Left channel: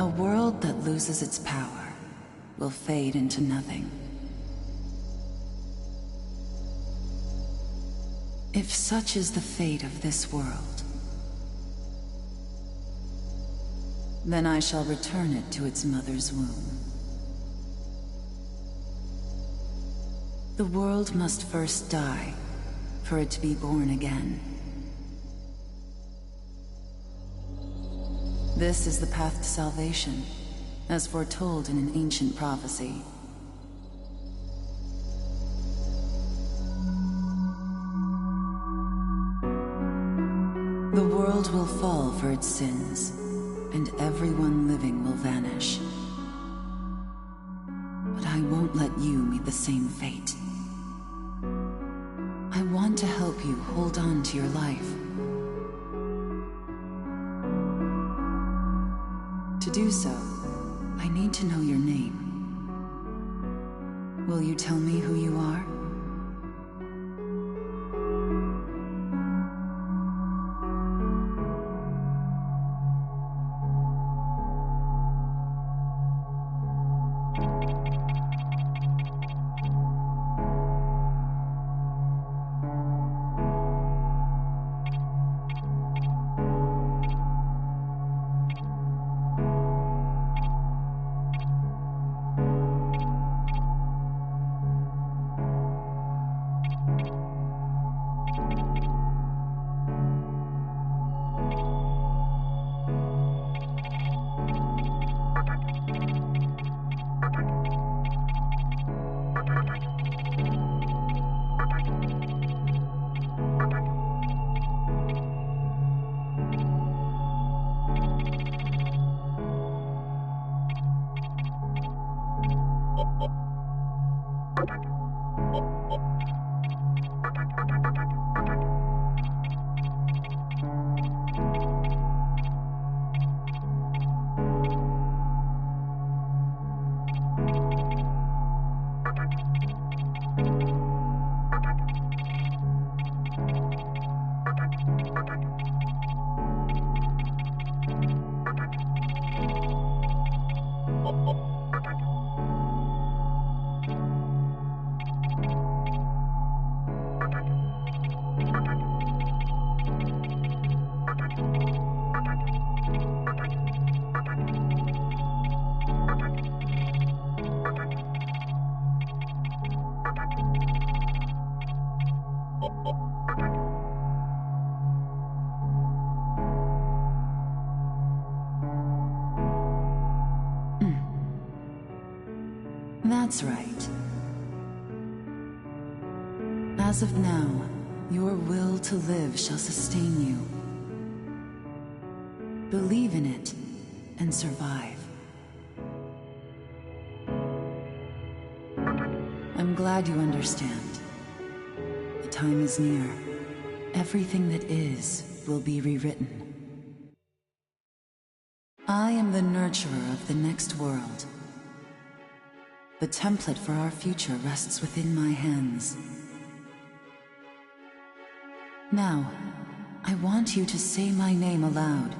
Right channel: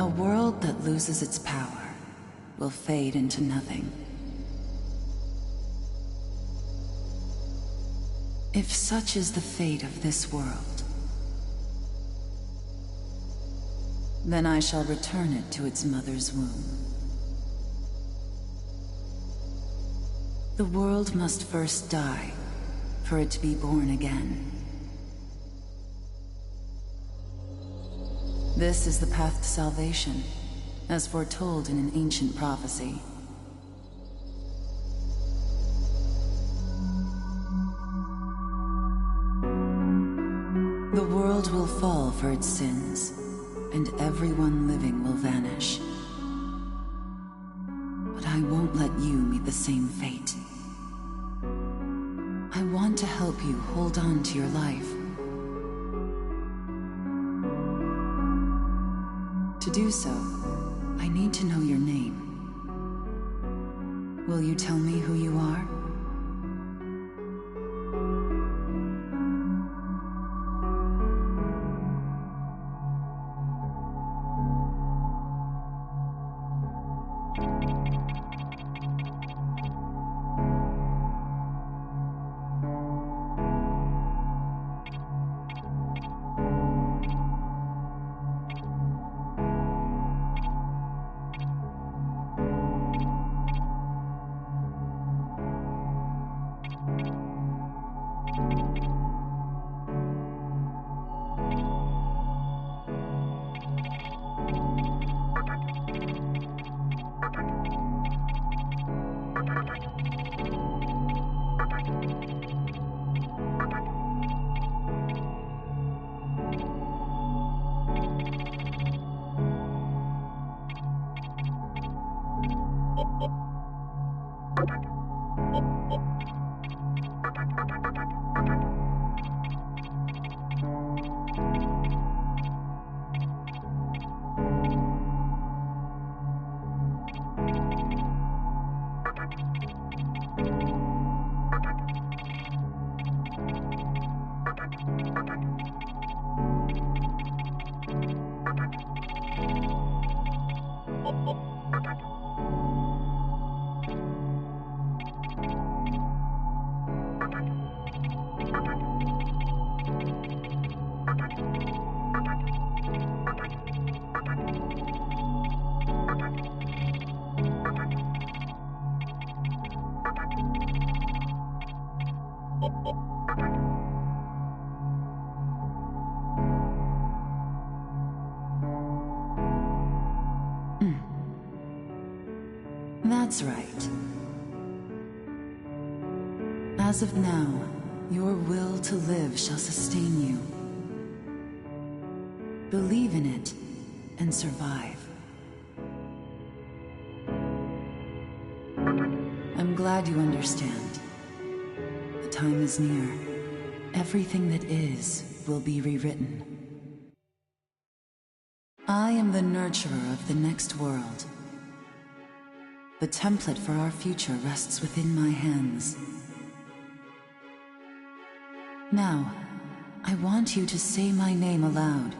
A world that loses its power will fade into nothing. If such is the fate of this world, then I shall return it to its mother's womb. The world must first die for it to be born again. This is the path to salvation, as foretold in an ancient prophecy. The world will fall for its sins, and everyone living will vanish. But I won't let you meet the same fate. I want to help you hold on to your life. To do so, I need to know your name. Will you tell me who you are? That's right. As of now, your will to live shall sustain you. Believe in it and survive. I'm glad you understand. The time is near. Everything that is will be rewritten. I am the nurturer of the next world. The template for our future rests within my hands. Now, I want you to say my name aloud.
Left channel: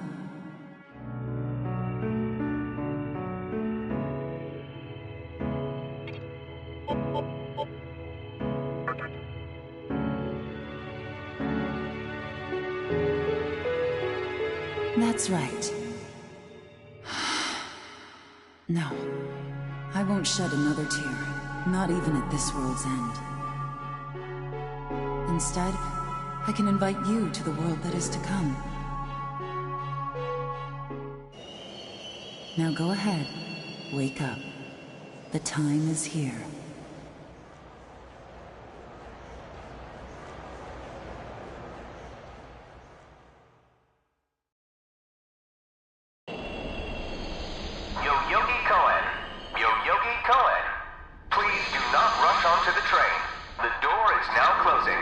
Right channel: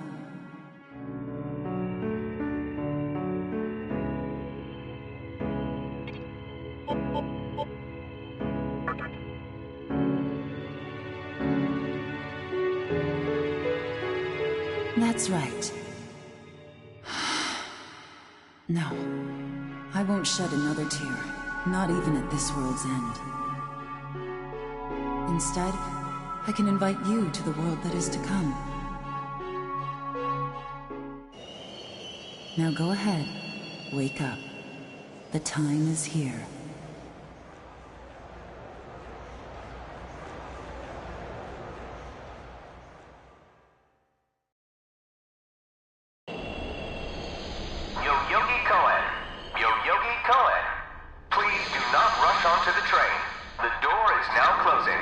That's right. No, I won't shed another tear, not even at this world's end. Instead, I can invite you to the world that is to come. Now go ahead, wake up. The time is here. Please do not rush onto the train. The door is now closing.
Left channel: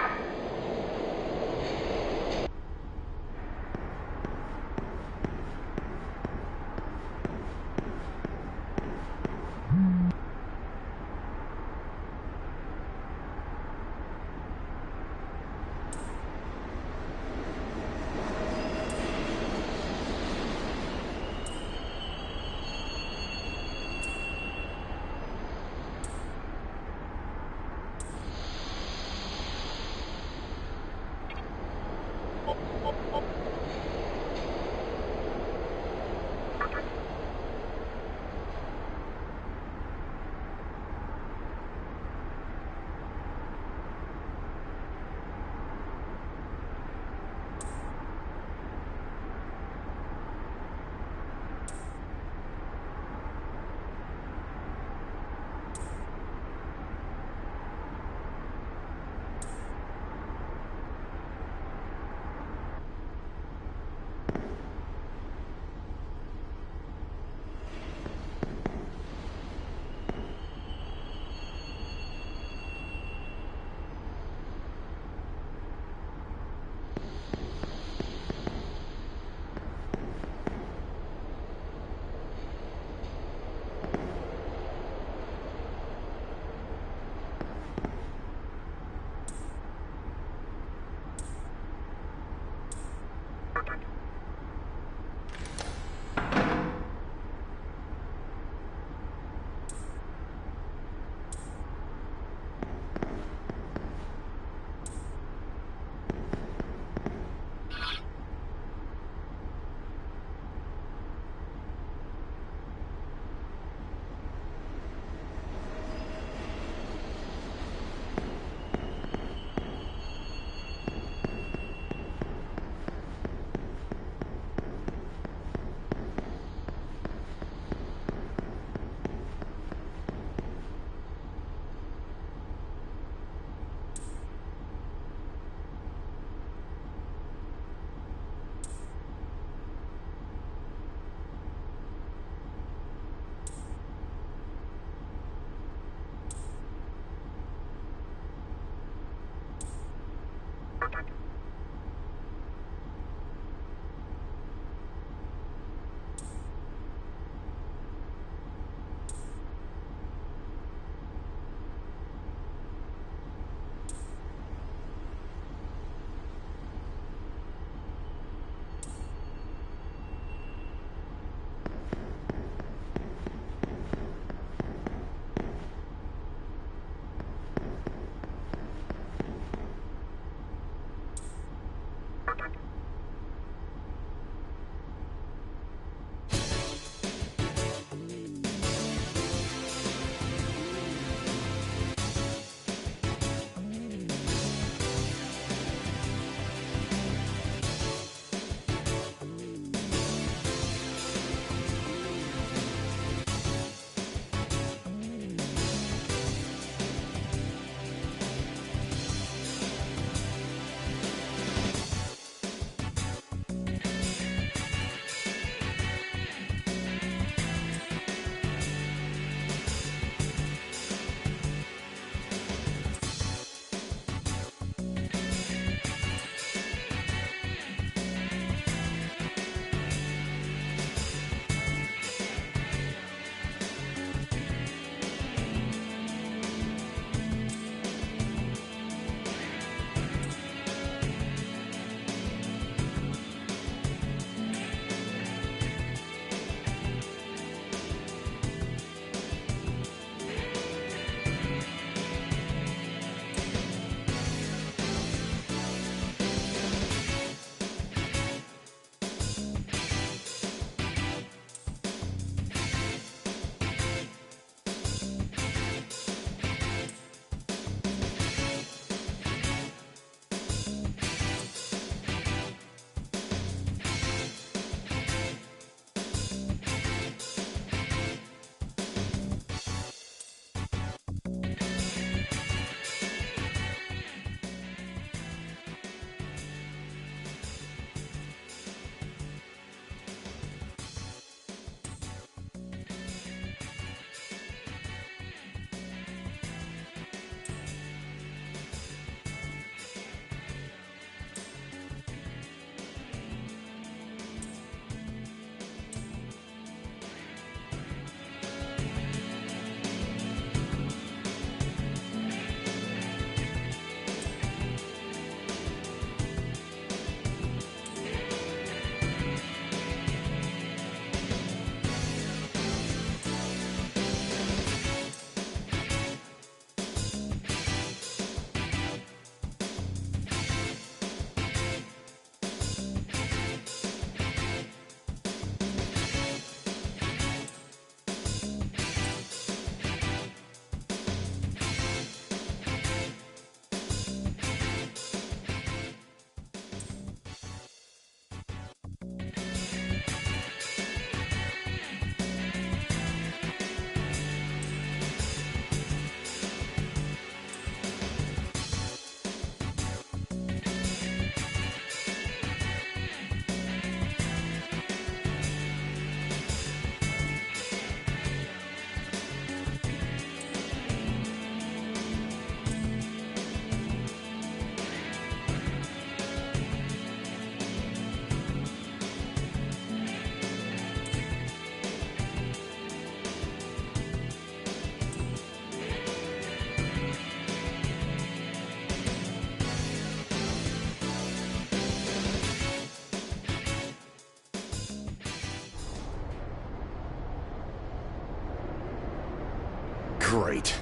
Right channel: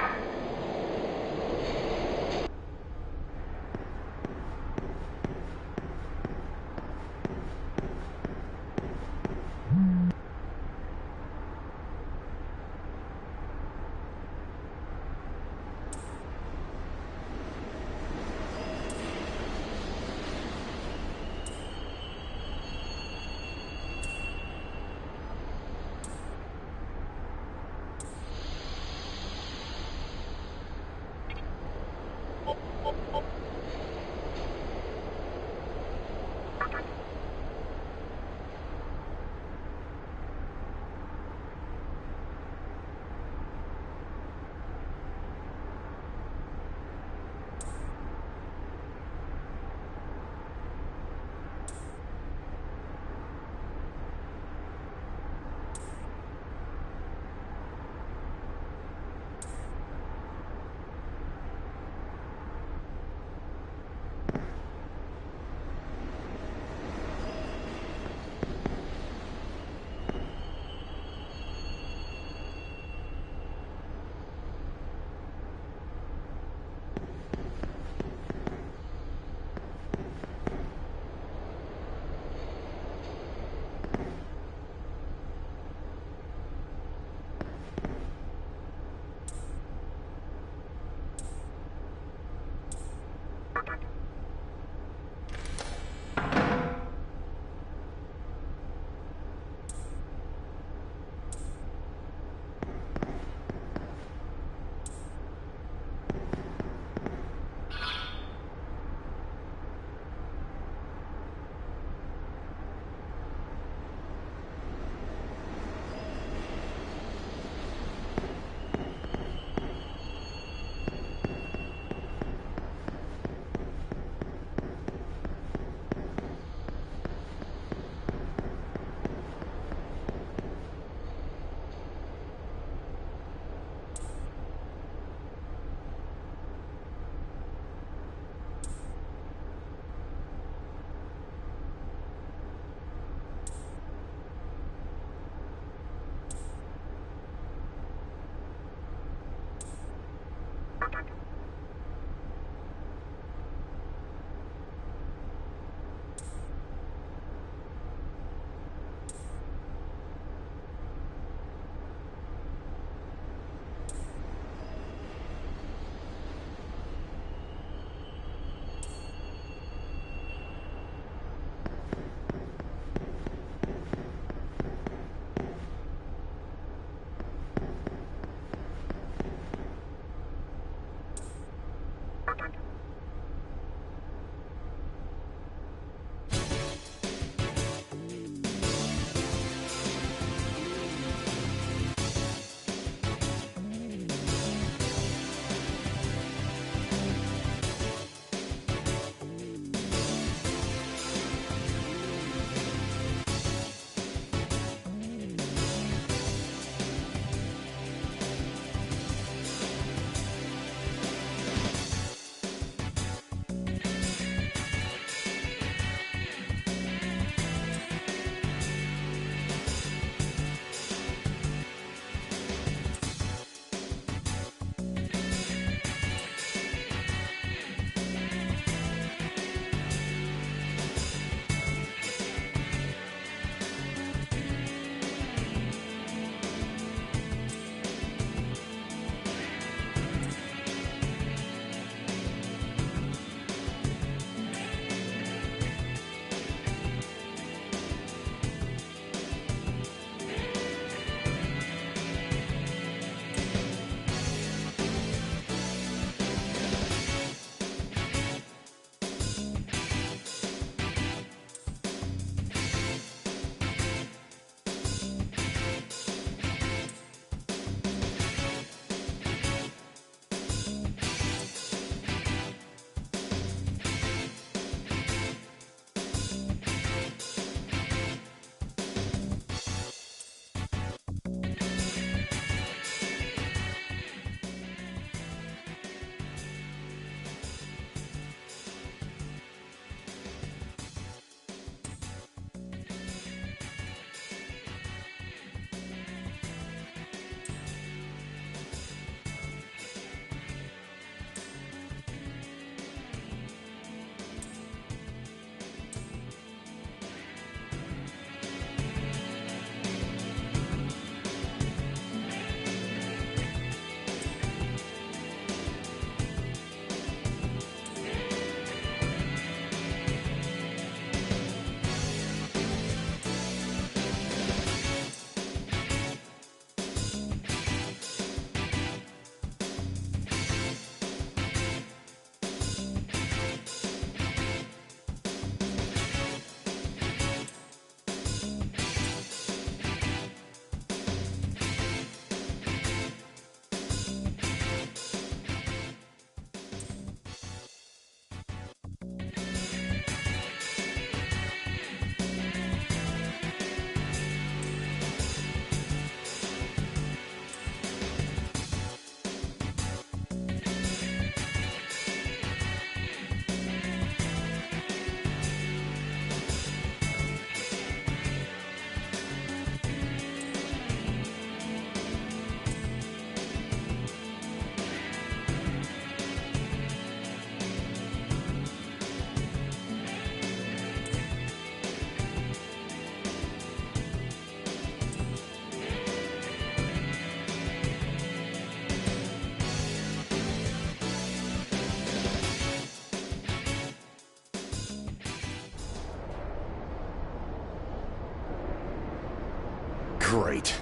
Great.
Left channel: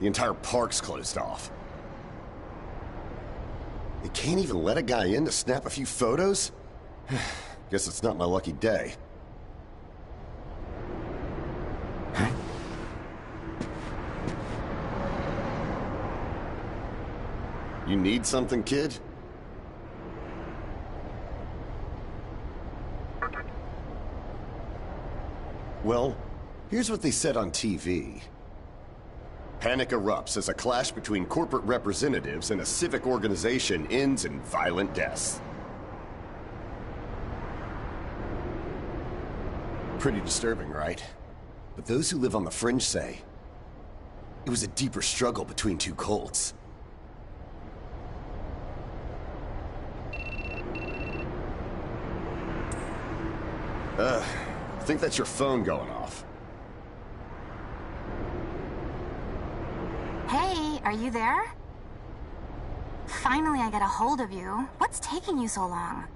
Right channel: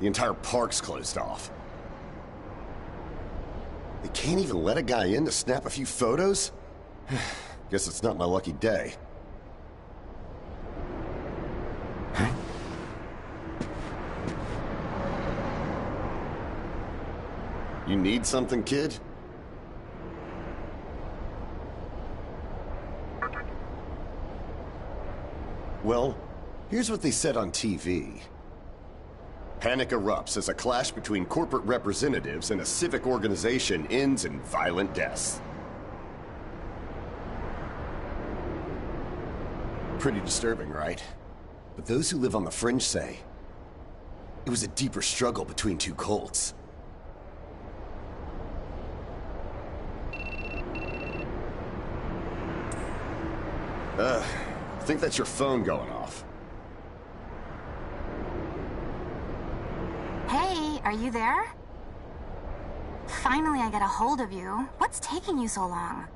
The entire park's closed off. They can't even let a guy in to snap a few photos? Guess it's not my lucky day. Huh? You need something, kid? Well, here's what they said on TV. Panic erupts as a clash between corporate representatives and a civic organization ends in violent deaths. Pretty disturbing, right? But those who live on the fringe say it was a deeper struggle between two cults. I think that's your phone going off. Hey, are you there? Finally, I get a hold of you. What's taking you so long?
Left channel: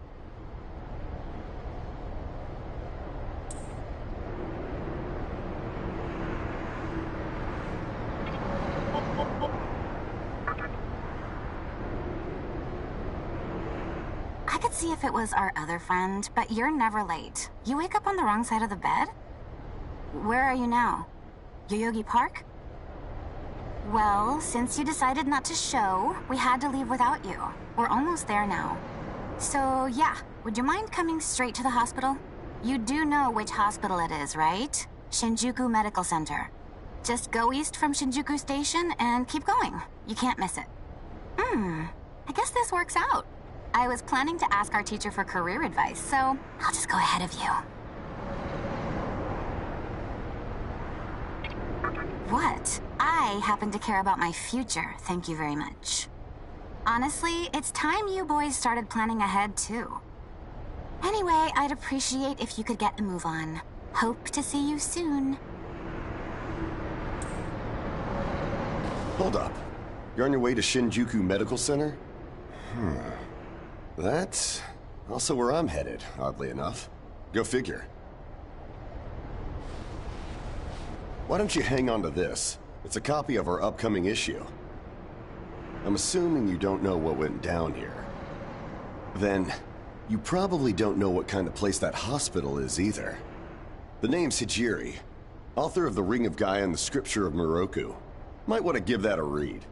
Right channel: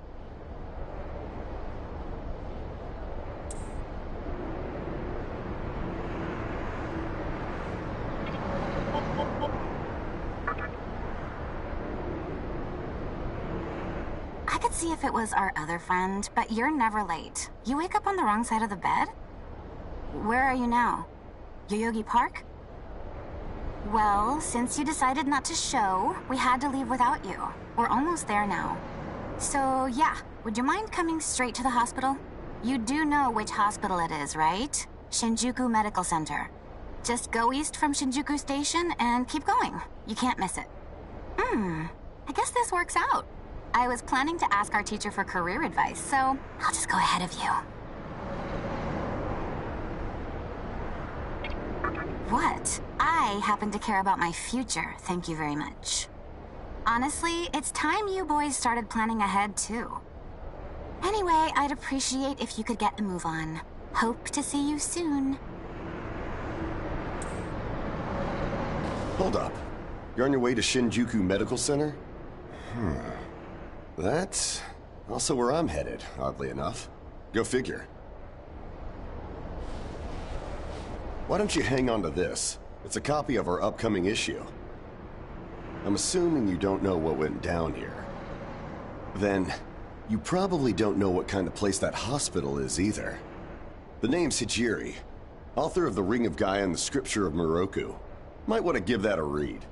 I could see if it was our other friend, but you're never late. You wake up on the wrong side of the bed? Where are you now? Yoyogi Park? Well, since you decided not to show, we had to leave without you. We're almost there now. So, yeah, would you mind coming straight to the hospital? You do know which hospital it is, right? Shinjuku Medical Center. Just go east from Shinjuku Station and keep going. You can't miss it. I guess this works out. I was planning to ask our teacher for career advice, so I'll just go ahead of you. What? I happen to care about my future, thank you very much. Honestly, it's time you boys started planning ahead, too. Anyway, I'd appreciate if you could get a move on. Hope to see you soon. Hold up. You're on your way to Shinjuku Medical Center? That's also where I'm headed, oddly enough. Go figure. Why don't you hang on to this? It's a copy of our upcoming issue. I'm assuming you don't know what went down here. Then, you probably don't know what kind of place that hospital is either. The name's Hijiri, author of The Ring of Gaia and the Scripture of Moroku. Might want to give that a read.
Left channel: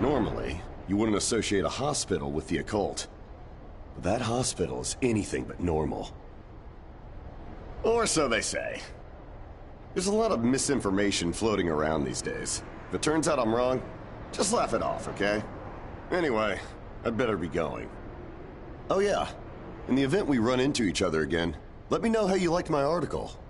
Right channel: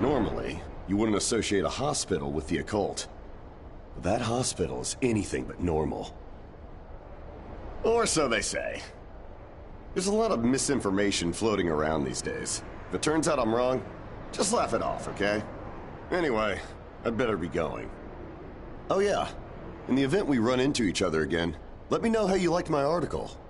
Normally, you wouldn't associate a hospital with the occult. But that hospital is anything but normal. Or so they say. There's a lot of misinformation floating around these days. If it turns out I'm wrong, just laugh it off, okay? Anyway, I'd better be going. Oh yeah, in the event we run into each other again, let me know how you liked my article.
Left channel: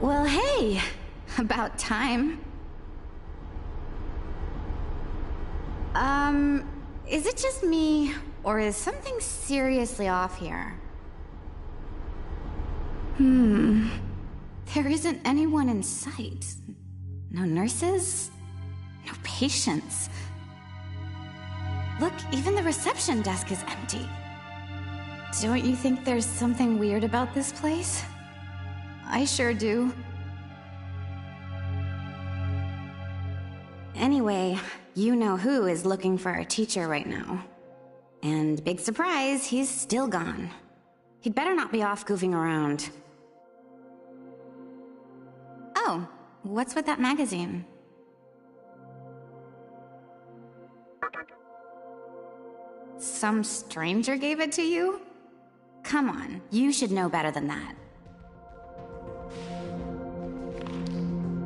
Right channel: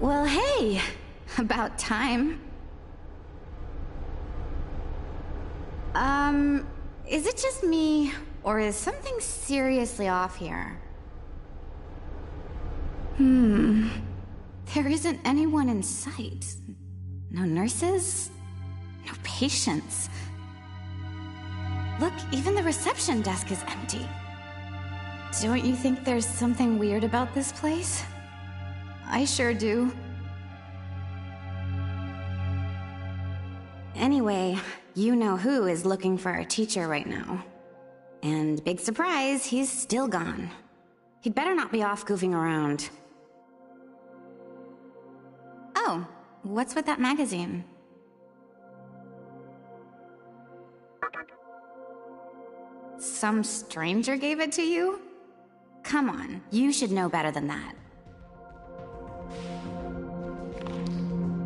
Well, hey, about time. Is it just me, or is something seriously off here? There isn't anyone in sight. No nurses? No patients. Look, even the reception desk is empty. Don't you think there's something weird about this place? I sure do. Anyway, you know who is looking for our teacher right now. And big surprise, he's still gone. He'd better not be off goofing around. Oh, what's with that magazine? Some stranger gave it to you? Come on, you should know better than that.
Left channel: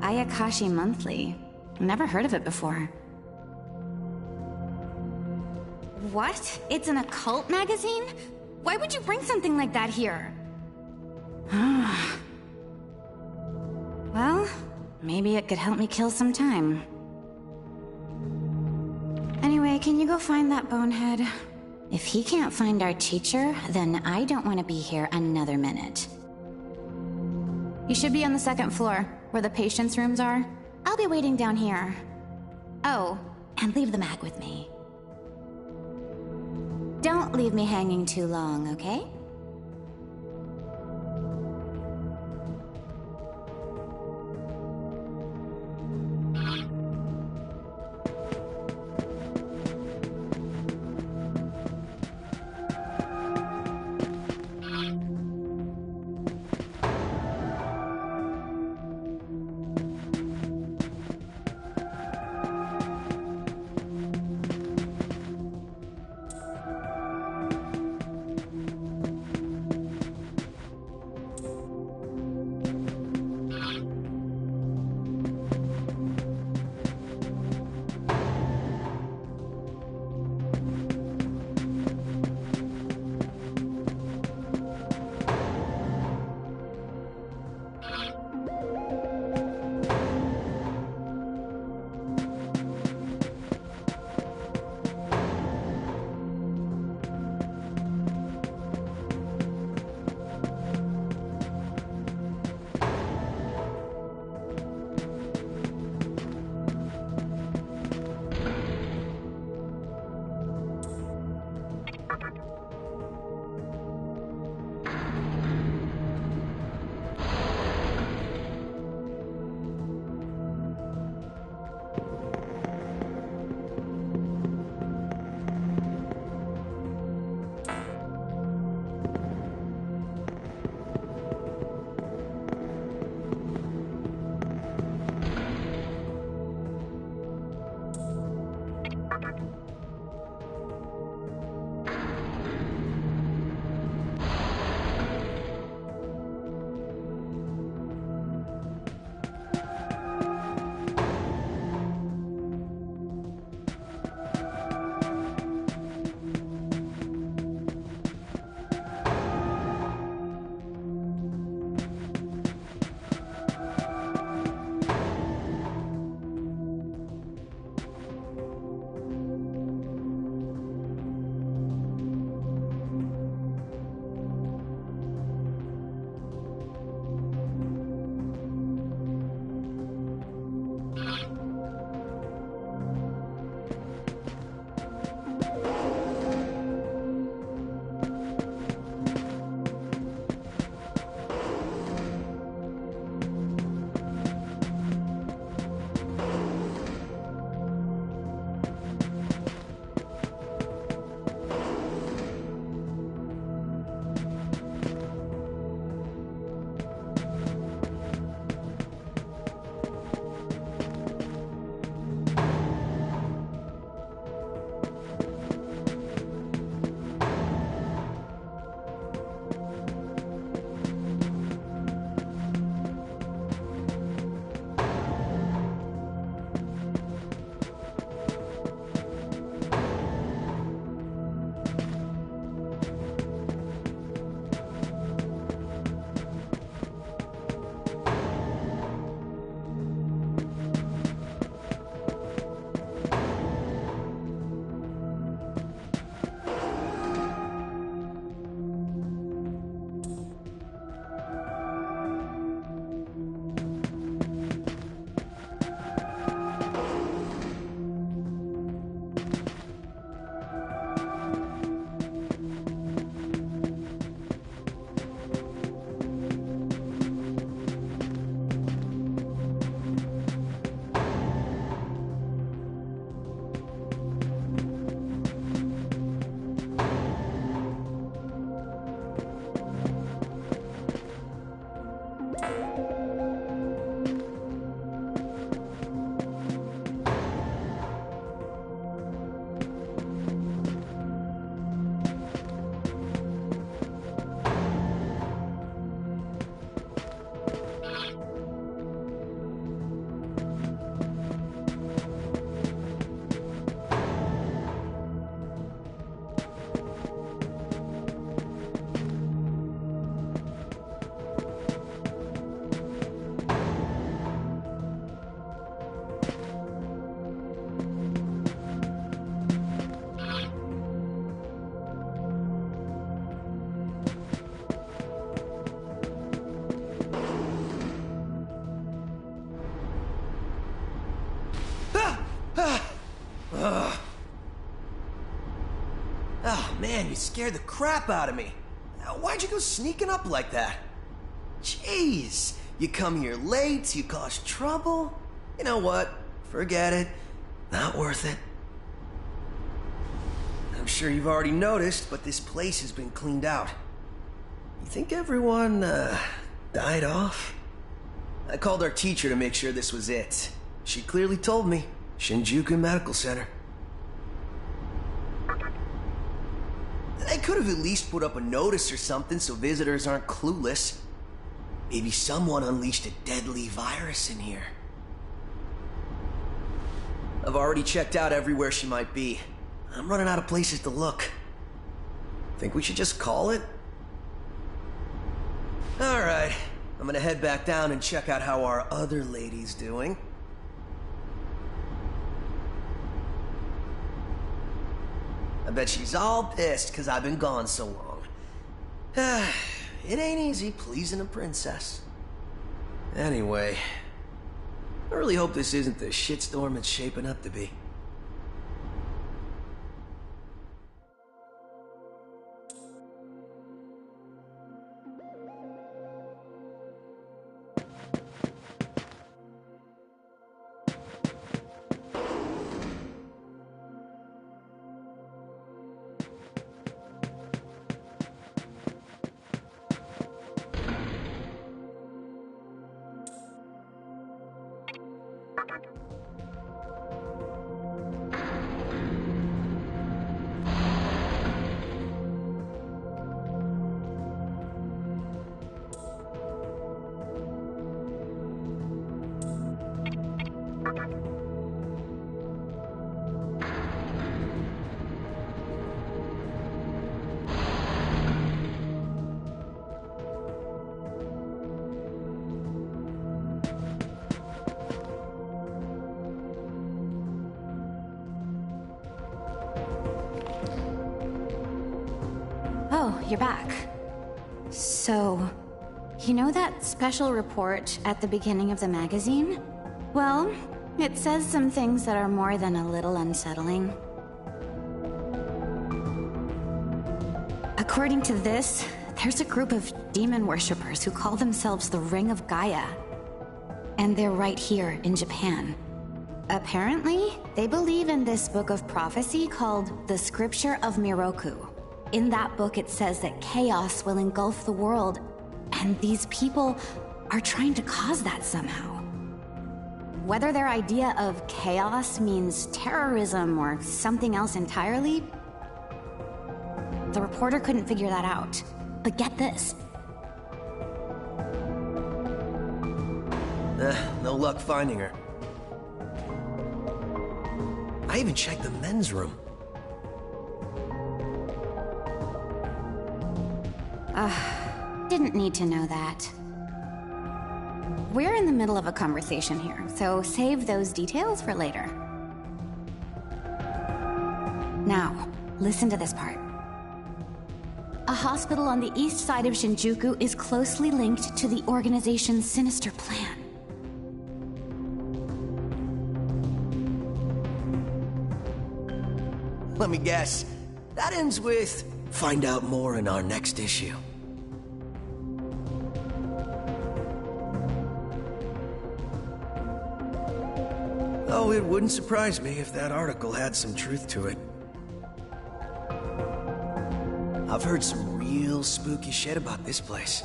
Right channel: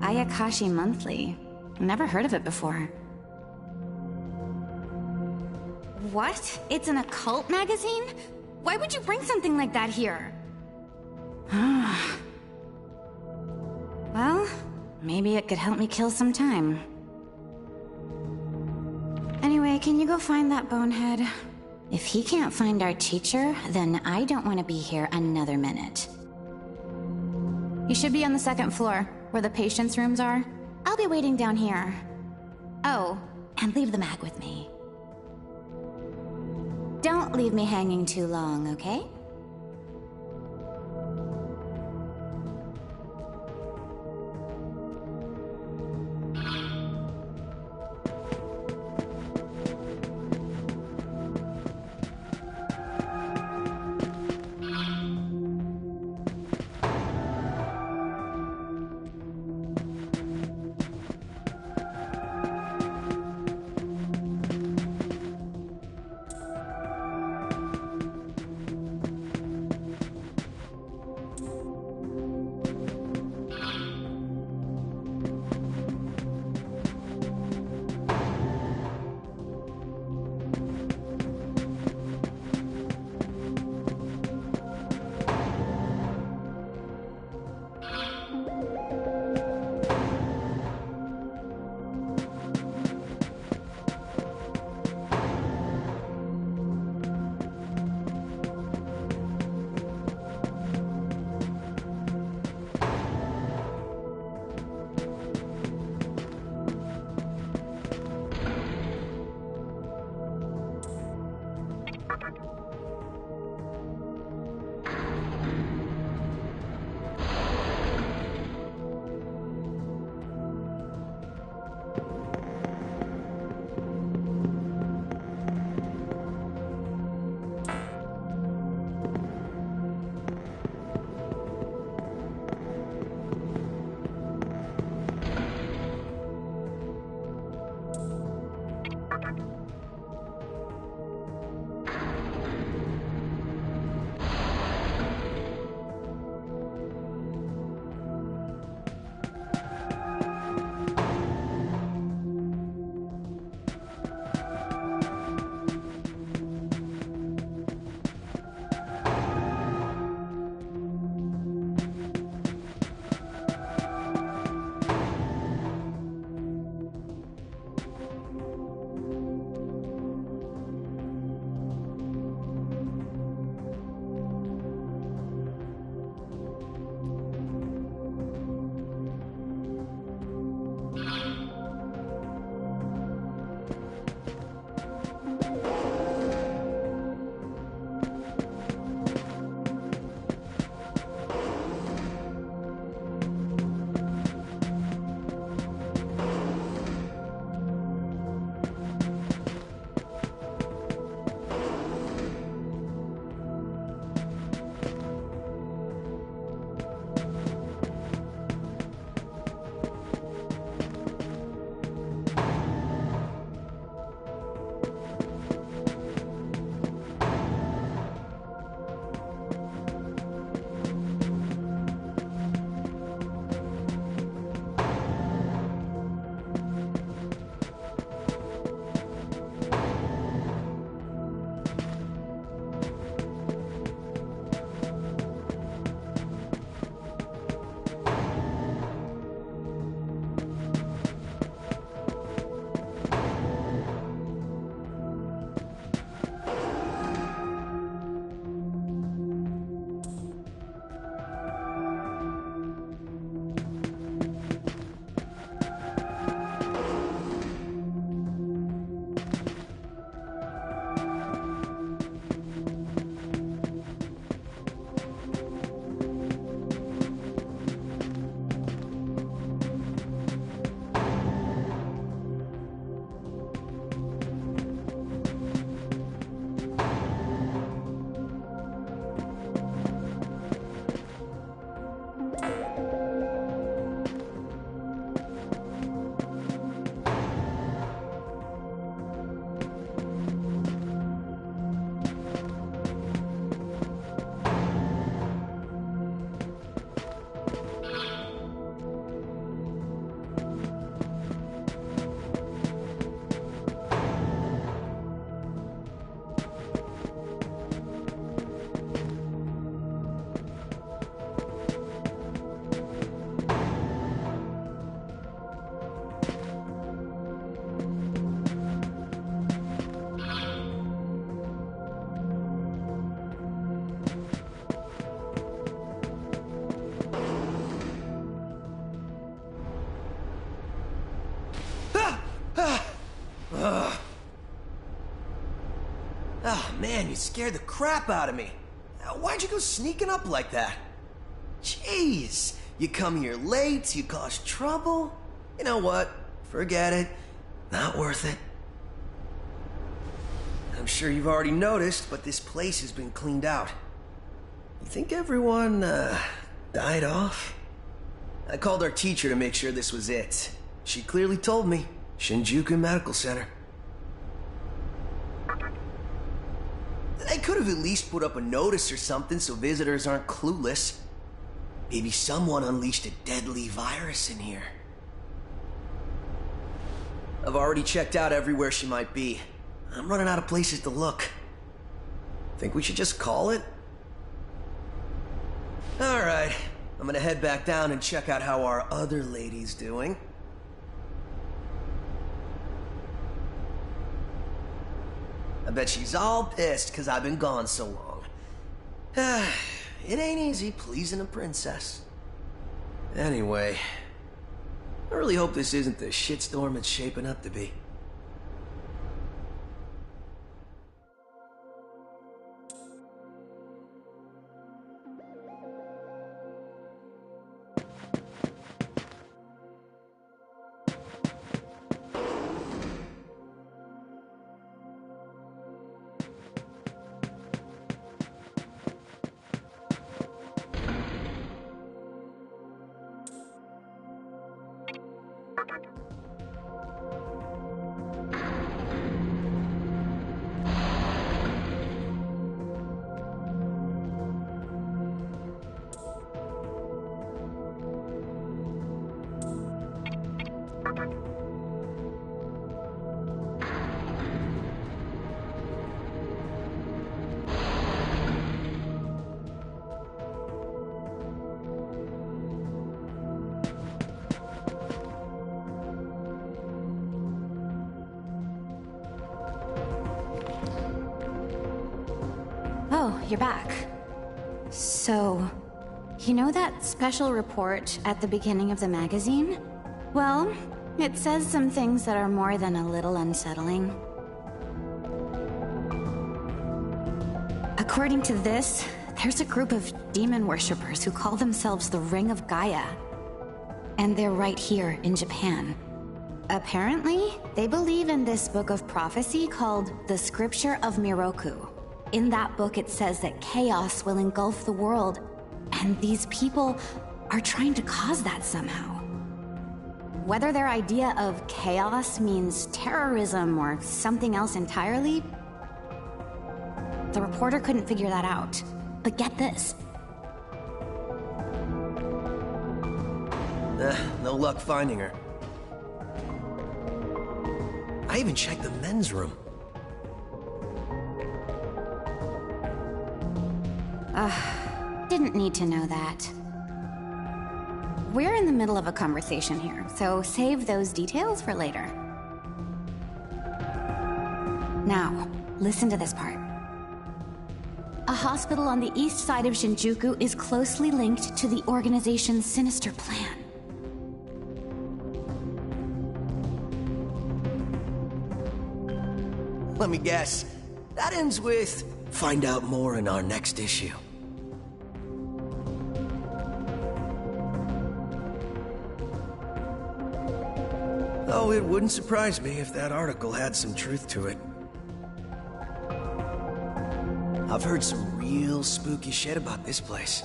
Ayakashi Monthly. Never heard of it before. What? It's an occult magazine? Why would you bring something like that here? Well, maybe it could help me kill some time. Anyway, can you go find that bonehead? If he can't find our teacher, then I don't want to be here another minute. You should be on the second floor, where the patients' rooms are. I'll be waiting down here. Oh, and leave the mag with me. Don't leave me hanging too long, okay? Man, you scared the crap out of me. Why'd you go sneaking up like that? Jeez, you come here late, you cause trouble. You know what? Forget it. Not worth it. I'm sure you've already noticed, but this place has been cleaned out. You think everyone, died off? I called our teacher to make sure this was it. She clearly told me. Shinjuku Medical Center. They could have at least put up a notice or something so visitors aren't clueless. Maybe someone unleashed a deadly virus in here. I've already checked out everywhere she might be. I'm running out of places to look. Think we should just call it? Alright, I'm gonna head back down and check out how our other lady's doing. I bet she's all pissed because I've been gone so long. It ain't easy pleasing a princess. Anyway, I really hope this isn't the shitstorm it's shaping up to be. Oh, you're back. So, you know that special report at the beginning of the magazine? Well, it says some things that are more than a little unsettling. According to this, there's a group of demon worshippers who call themselves the Ring of Gaia. And they're right here in Japan. Apparently, they believe in this book of prophecy called the Scripture of Miroku. In that book, it says that chaos will engulf the world, and these people are trying to cause that somehow. Whether their idea of chaos means terrorism or something else entirely, the reporter couldn't figure that out. But get this. No luck finding her. I even checked the men's room. Didn't need to know that. We're in the middle of a conversation here, so save those details for later. Now, listen to this part. A hospital on the east side of Shinjuku is closely linked to the organization's sinister plan. Let me guess. That ends with, find out more in our next issue. Oh, it wouldn't surprise me if that article had some truth to it. I've heard some real spooky shit about this place.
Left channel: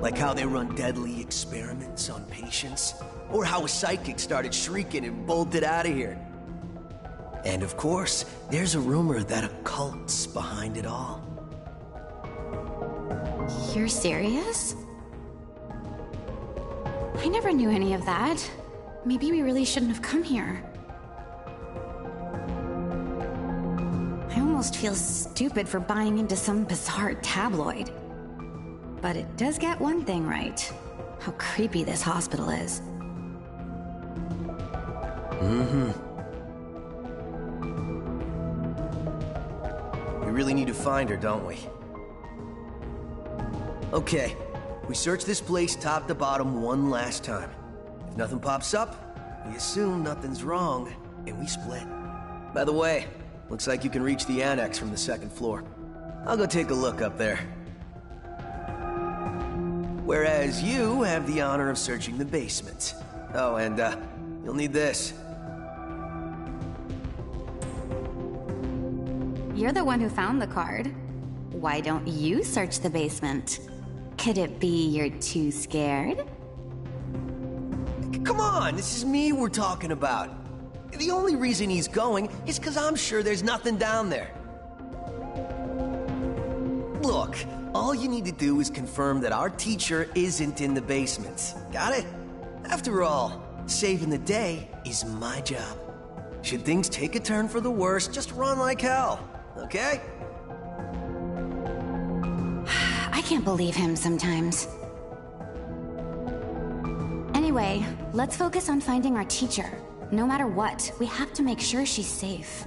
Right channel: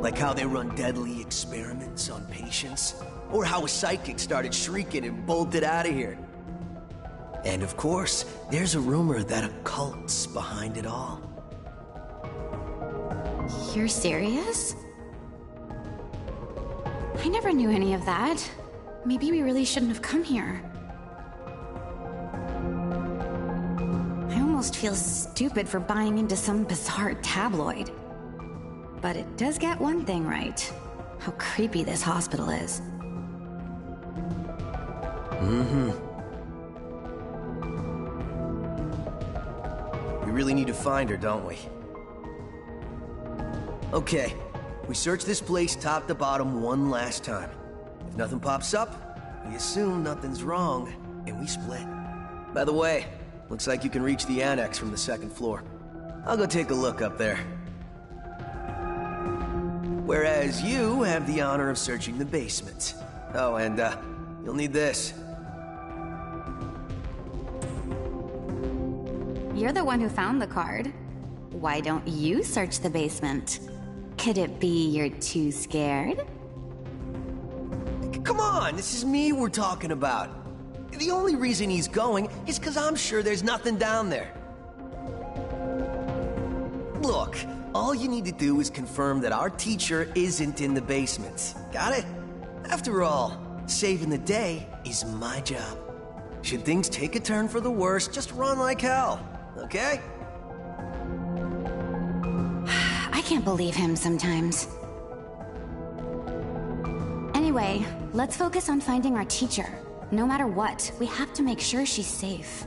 Like how they run deadly experiments on patients, or how a psychic started shrieking and bolted out of here. And of course, there's a rumor that a cult's behind it all. You're serious? I never knew any of that. Maybe we really shouldn't have come here. I almost feel stupid for buying into some bizarre tabloid. But it does get one thing right. How creepy this hospital is. Mm-hmm. We really need to find her, don't we? Okay, we search this place top to bottom one last time. If nothing pops up, we assume nothing's wrong, and we split. By the way, Looks like you can reach the annex from the second floor. I'll go take a look up there. Whereas you have the honor of searching the basement. Oh, and, you'll need this. You're the one who found the card. Why don't you search the basement? Could it be you're too scared? Come on, this is me we're talking about. The only reason he's going is because I'm sure there's nothing down there. Look, all you need to do is confirm that our teacher isn't in the basement. Got it? After all, saving the day is my job. Should things take a turn for the worse, just run like hell, okay? I can't believe him sometimes. Anyway, let's focus on finding our teacher. No matter what, we have to make sure she's safe.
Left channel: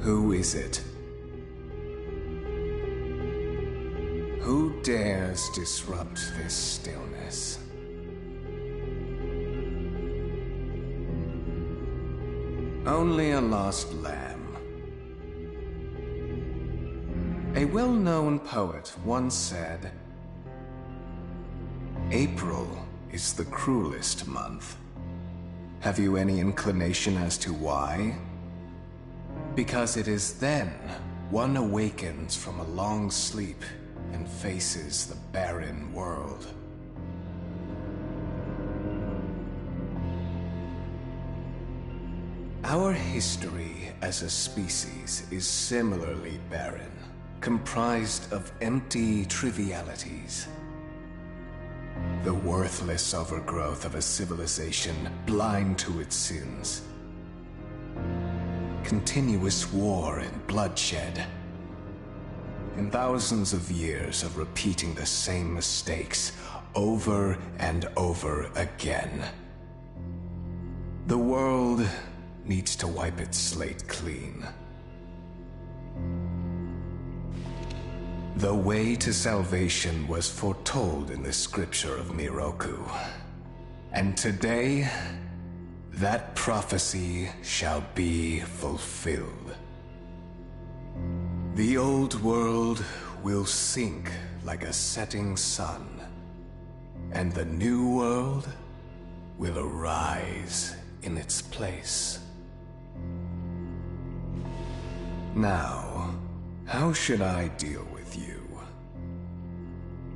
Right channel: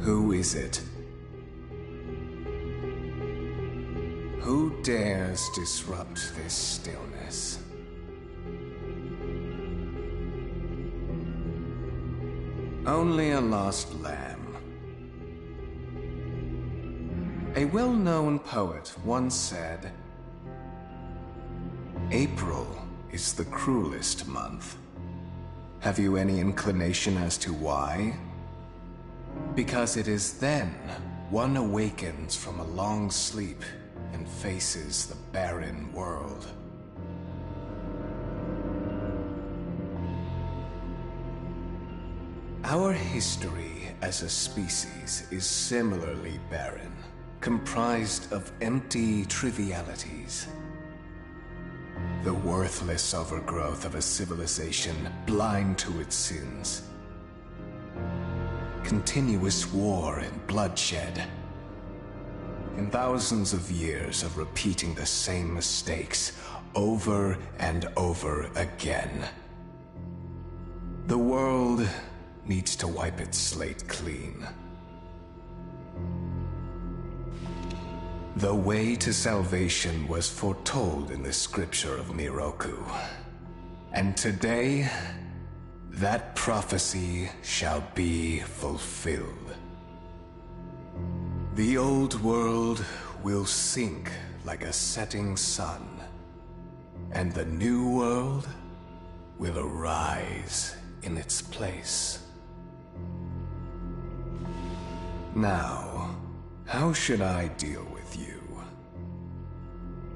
Who is it? Who dares disrupt this stillness? Only a lost lamb. A well-known poet once said, "April is the cruelest month." Have you any inclination as to why? Because it is then one awakens from a long sleep and faces the barren world. Our history as a species is similarly barren, comprised of empty trivialities. The worthless overgrowth of a civilization blind to its sins. Continuous war and bloodshed. And thousands of years of repeating the same mistakes over and over again. The world needs to wipe its slate clean. The way to salvation was foretold in the scripture of Miroku. And today, that prophecy shall be fulfilled. The old world will sink like a setting sun, and the new world will arise in its place. Now, how should I deal with you?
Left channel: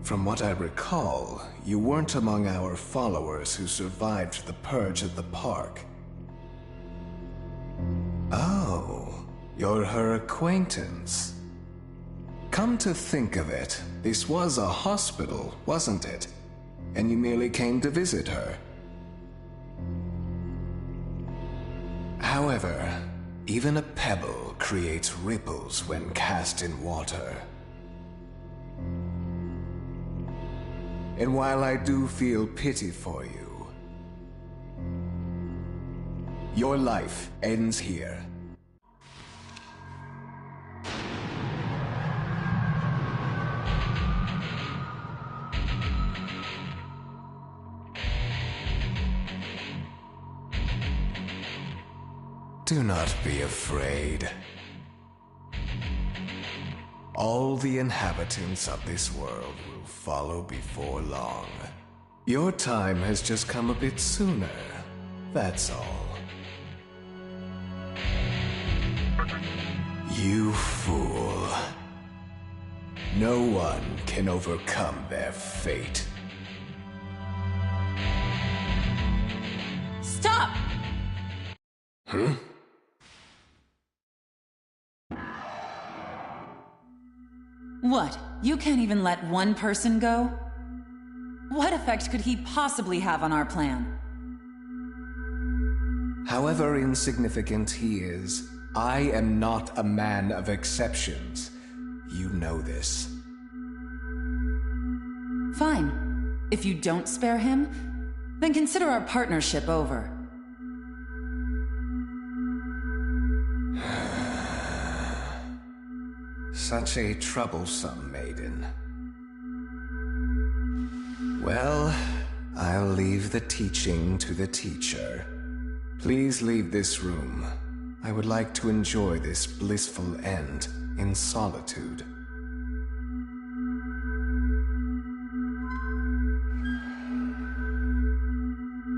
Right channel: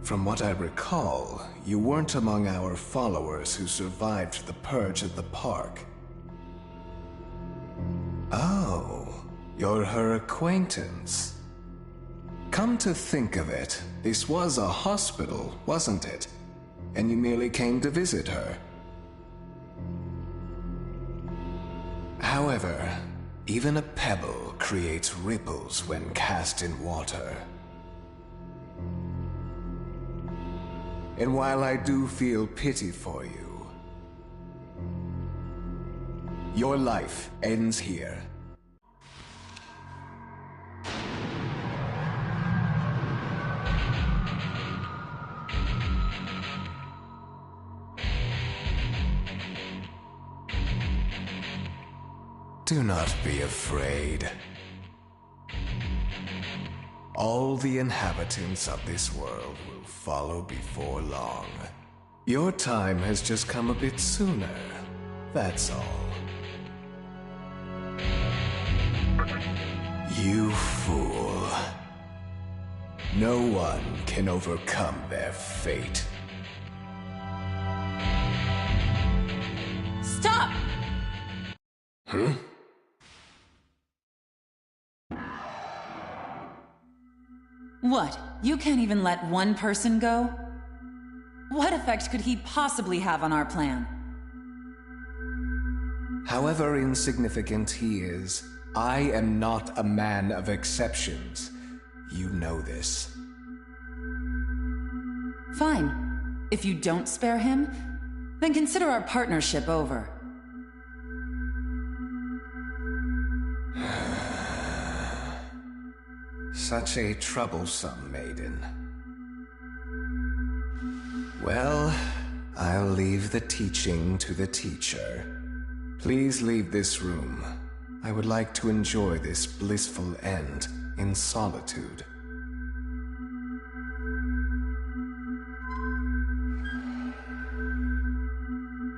From what I recall, you weren't among our followers who survived the purge at the park. Oh, you're her acquaintance. Come to think of it, this was a hospital, wasn't it? And you merely came to visit her. However, even a pebble creates ripples when cast in water. And while I do feel pity for you, your life ends here. Do not be afraid. All the inhabitants of this world will follow before long. Your time has just come a bit sooner, that's all. You fool. No one can overcome their fate. Stop! Huh? What? You can't even let one person go? What effect could he possibly have on our plan? However insignificant he is, I am not a man of exceptions. You know this. Fine. If you don't spare him, then consider our partnership over. Such a troublesome maiden. Well, I'll leave the teaching to the teacher. Please leave this room. I would like to enjoy this blissful end in solitude.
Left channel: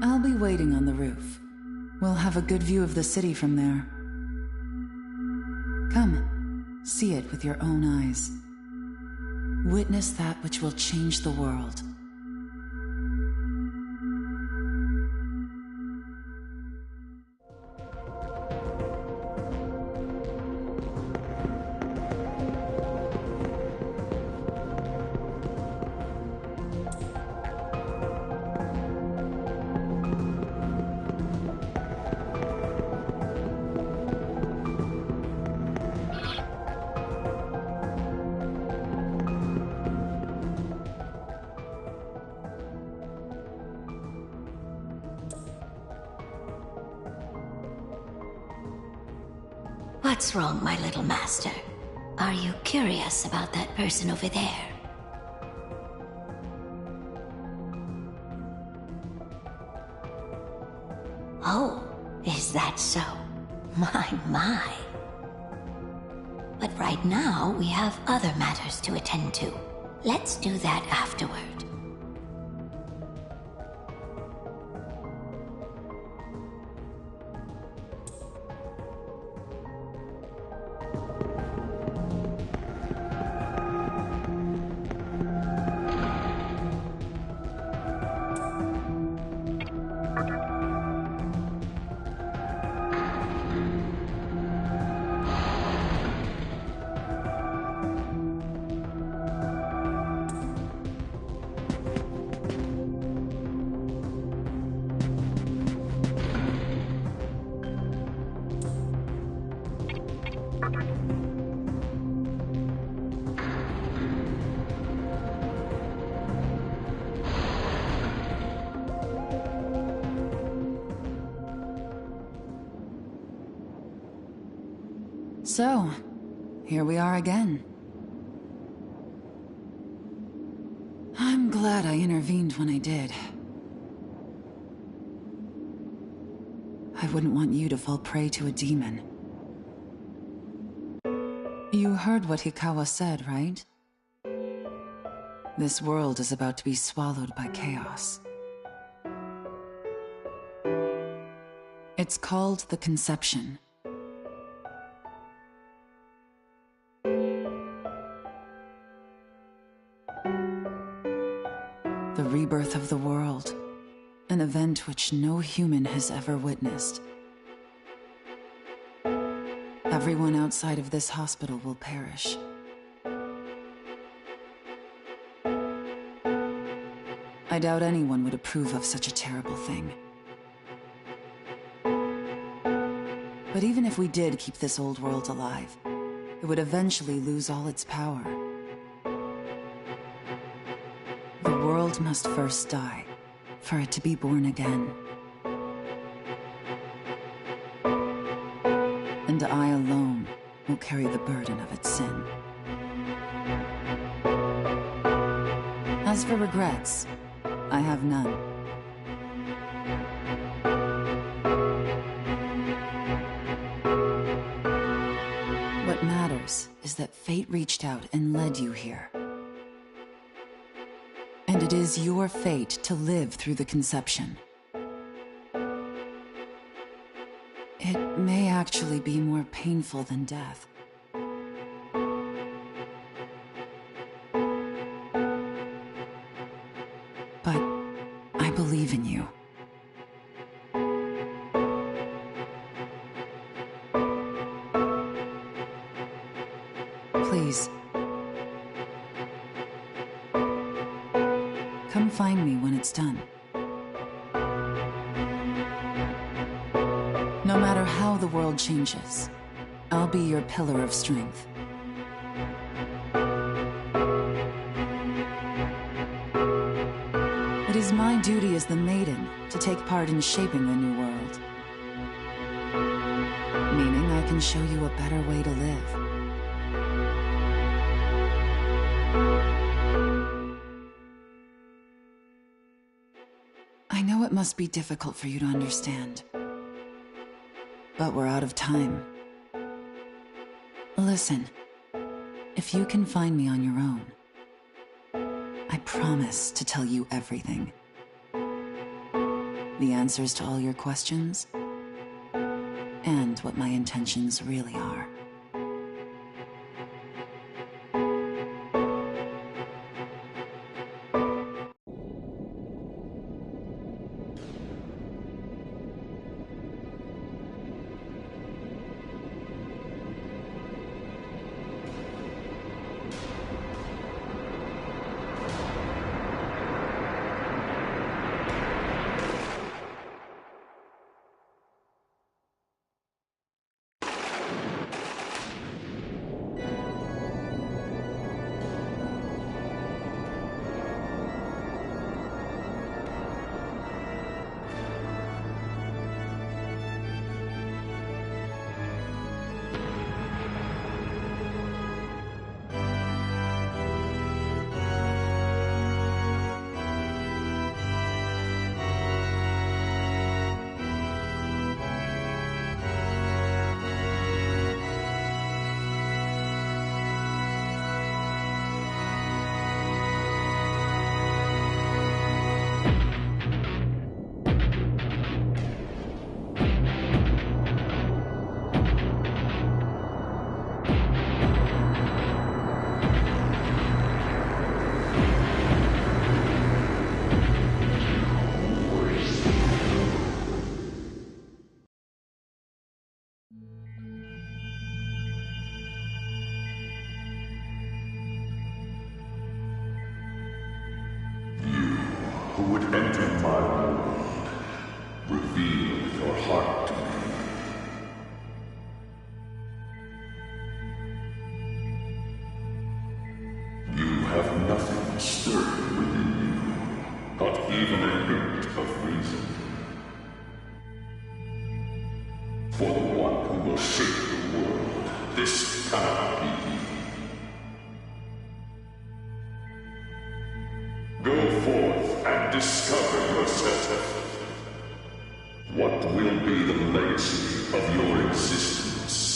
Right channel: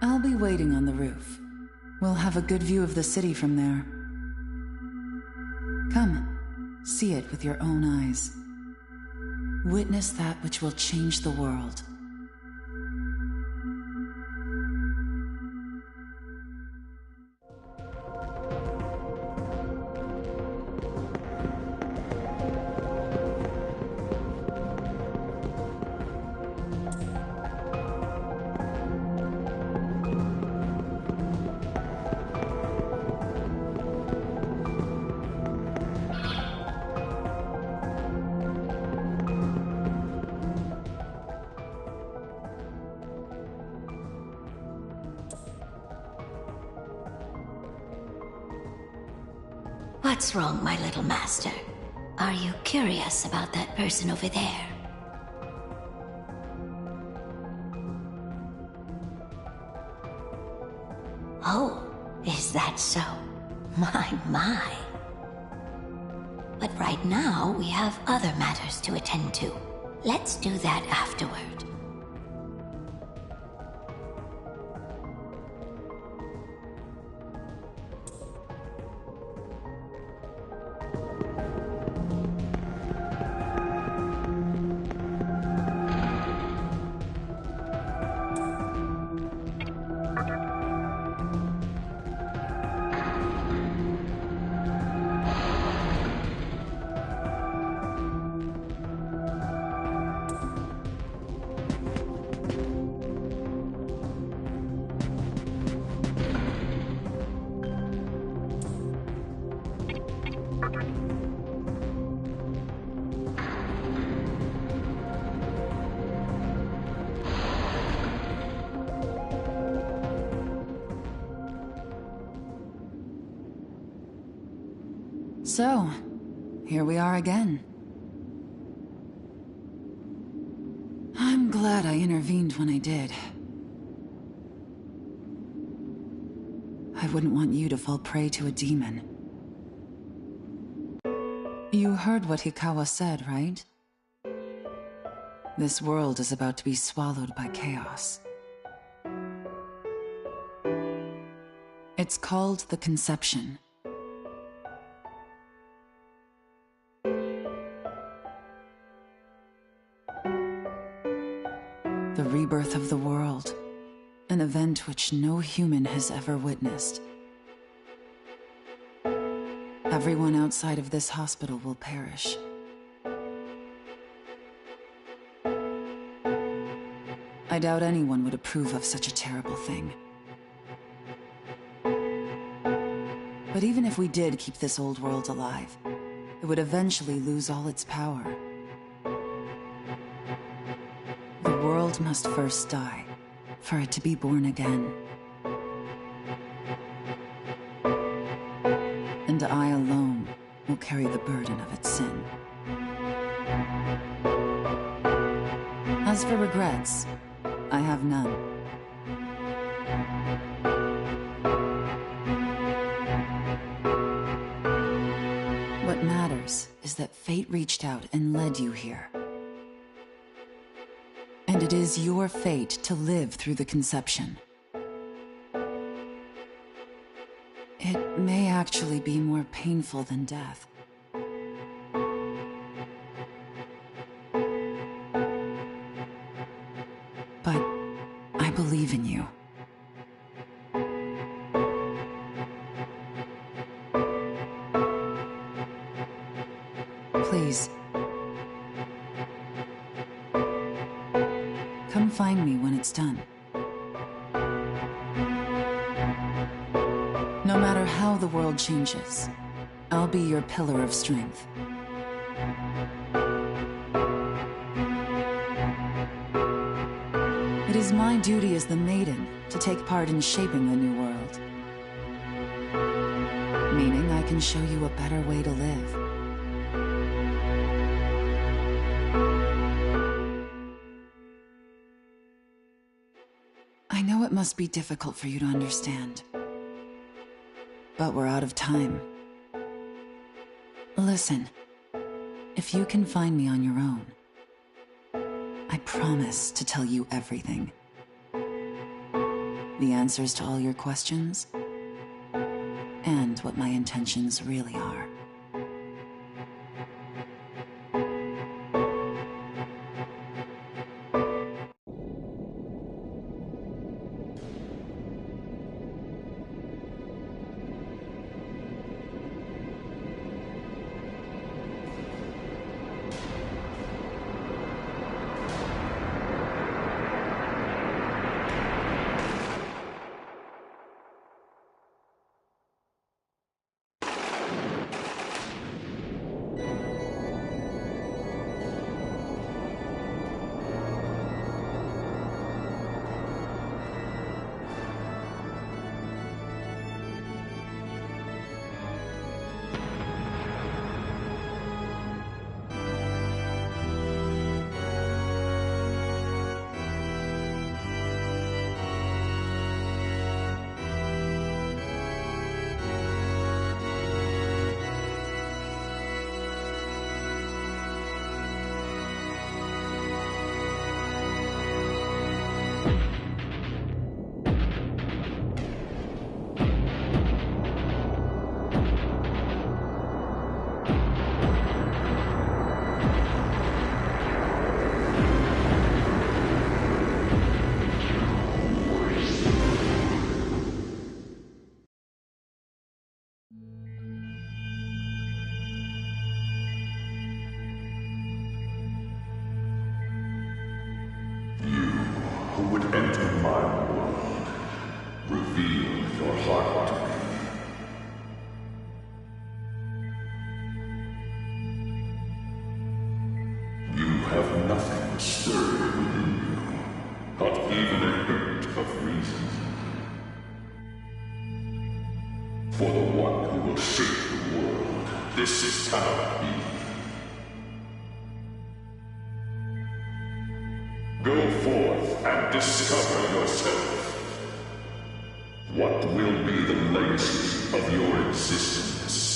I'll be waiting on the roof. We'll have a good view of the city from there. Come. See it with your own eyes. Witness that which will change the world. What's wrong, my little master? Are you curious about that person over there? Oh, is that so? My. But right now, we have other matters to attend to. Let's do that afterward. So, here we are again. I'm glad I intervened when I did. I wouldn't want you to fall prey to a demon. You heard what Hikawa said, right? This world is about to be swallowed by chaos. It's called the Conception. rebirth of the world, an event which no human has ever witnessed. Everyone outside of this hospital will perish. I doubt anyone would approve of such a terrible thing. But even if we did keep this old world alive, it would eventually lose all its power. The world must first die, for it to be born again. And I alone will carry the burden of its sin. As for regrets, I have none. What matters is that fate reached out and led you here. And it is your fate to live through the conception. It may actually be more painful than death. But I believe in you. Please. Come find me when it's done. No matter how the world changes, I'll be your pillar of strength. It is my duty as the Maiden to take part in shaping the new world. Meaning I can show you a better way to live. I know it must be difficult for you to understand. But we're out of time. Listen, if you can find me on your own, I promise to tell you everything. The answers to all your questions, and what my intentions really are. Who would enter my world, reveal your heart to me. You have nothing stirring within you, not even a hint of reason. For the one who will shape the world, this cannot be. Go forth and discover yourself. What will be the legacy of your existence?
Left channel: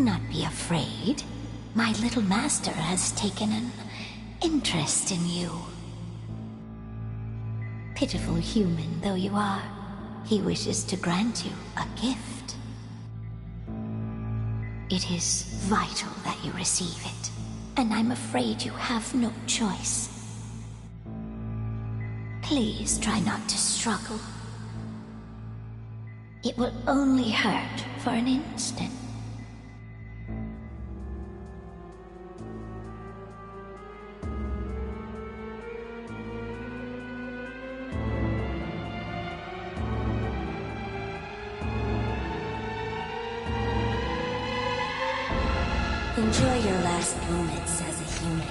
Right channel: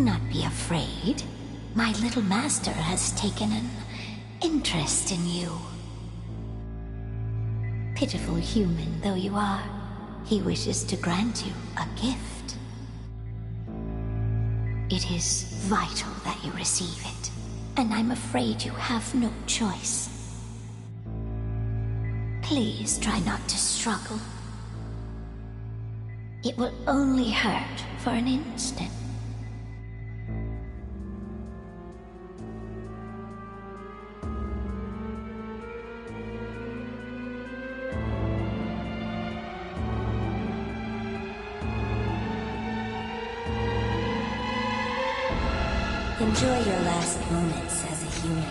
Do not be afraid. My little master has taken an interest in you. Pitiful human though you are, he wishes to grant you a gift. It is vital that you receive it, and I'm afraid you have no choice. Please try not to struggle. It will only hurt for an instant. Enjoy your last moments as a human.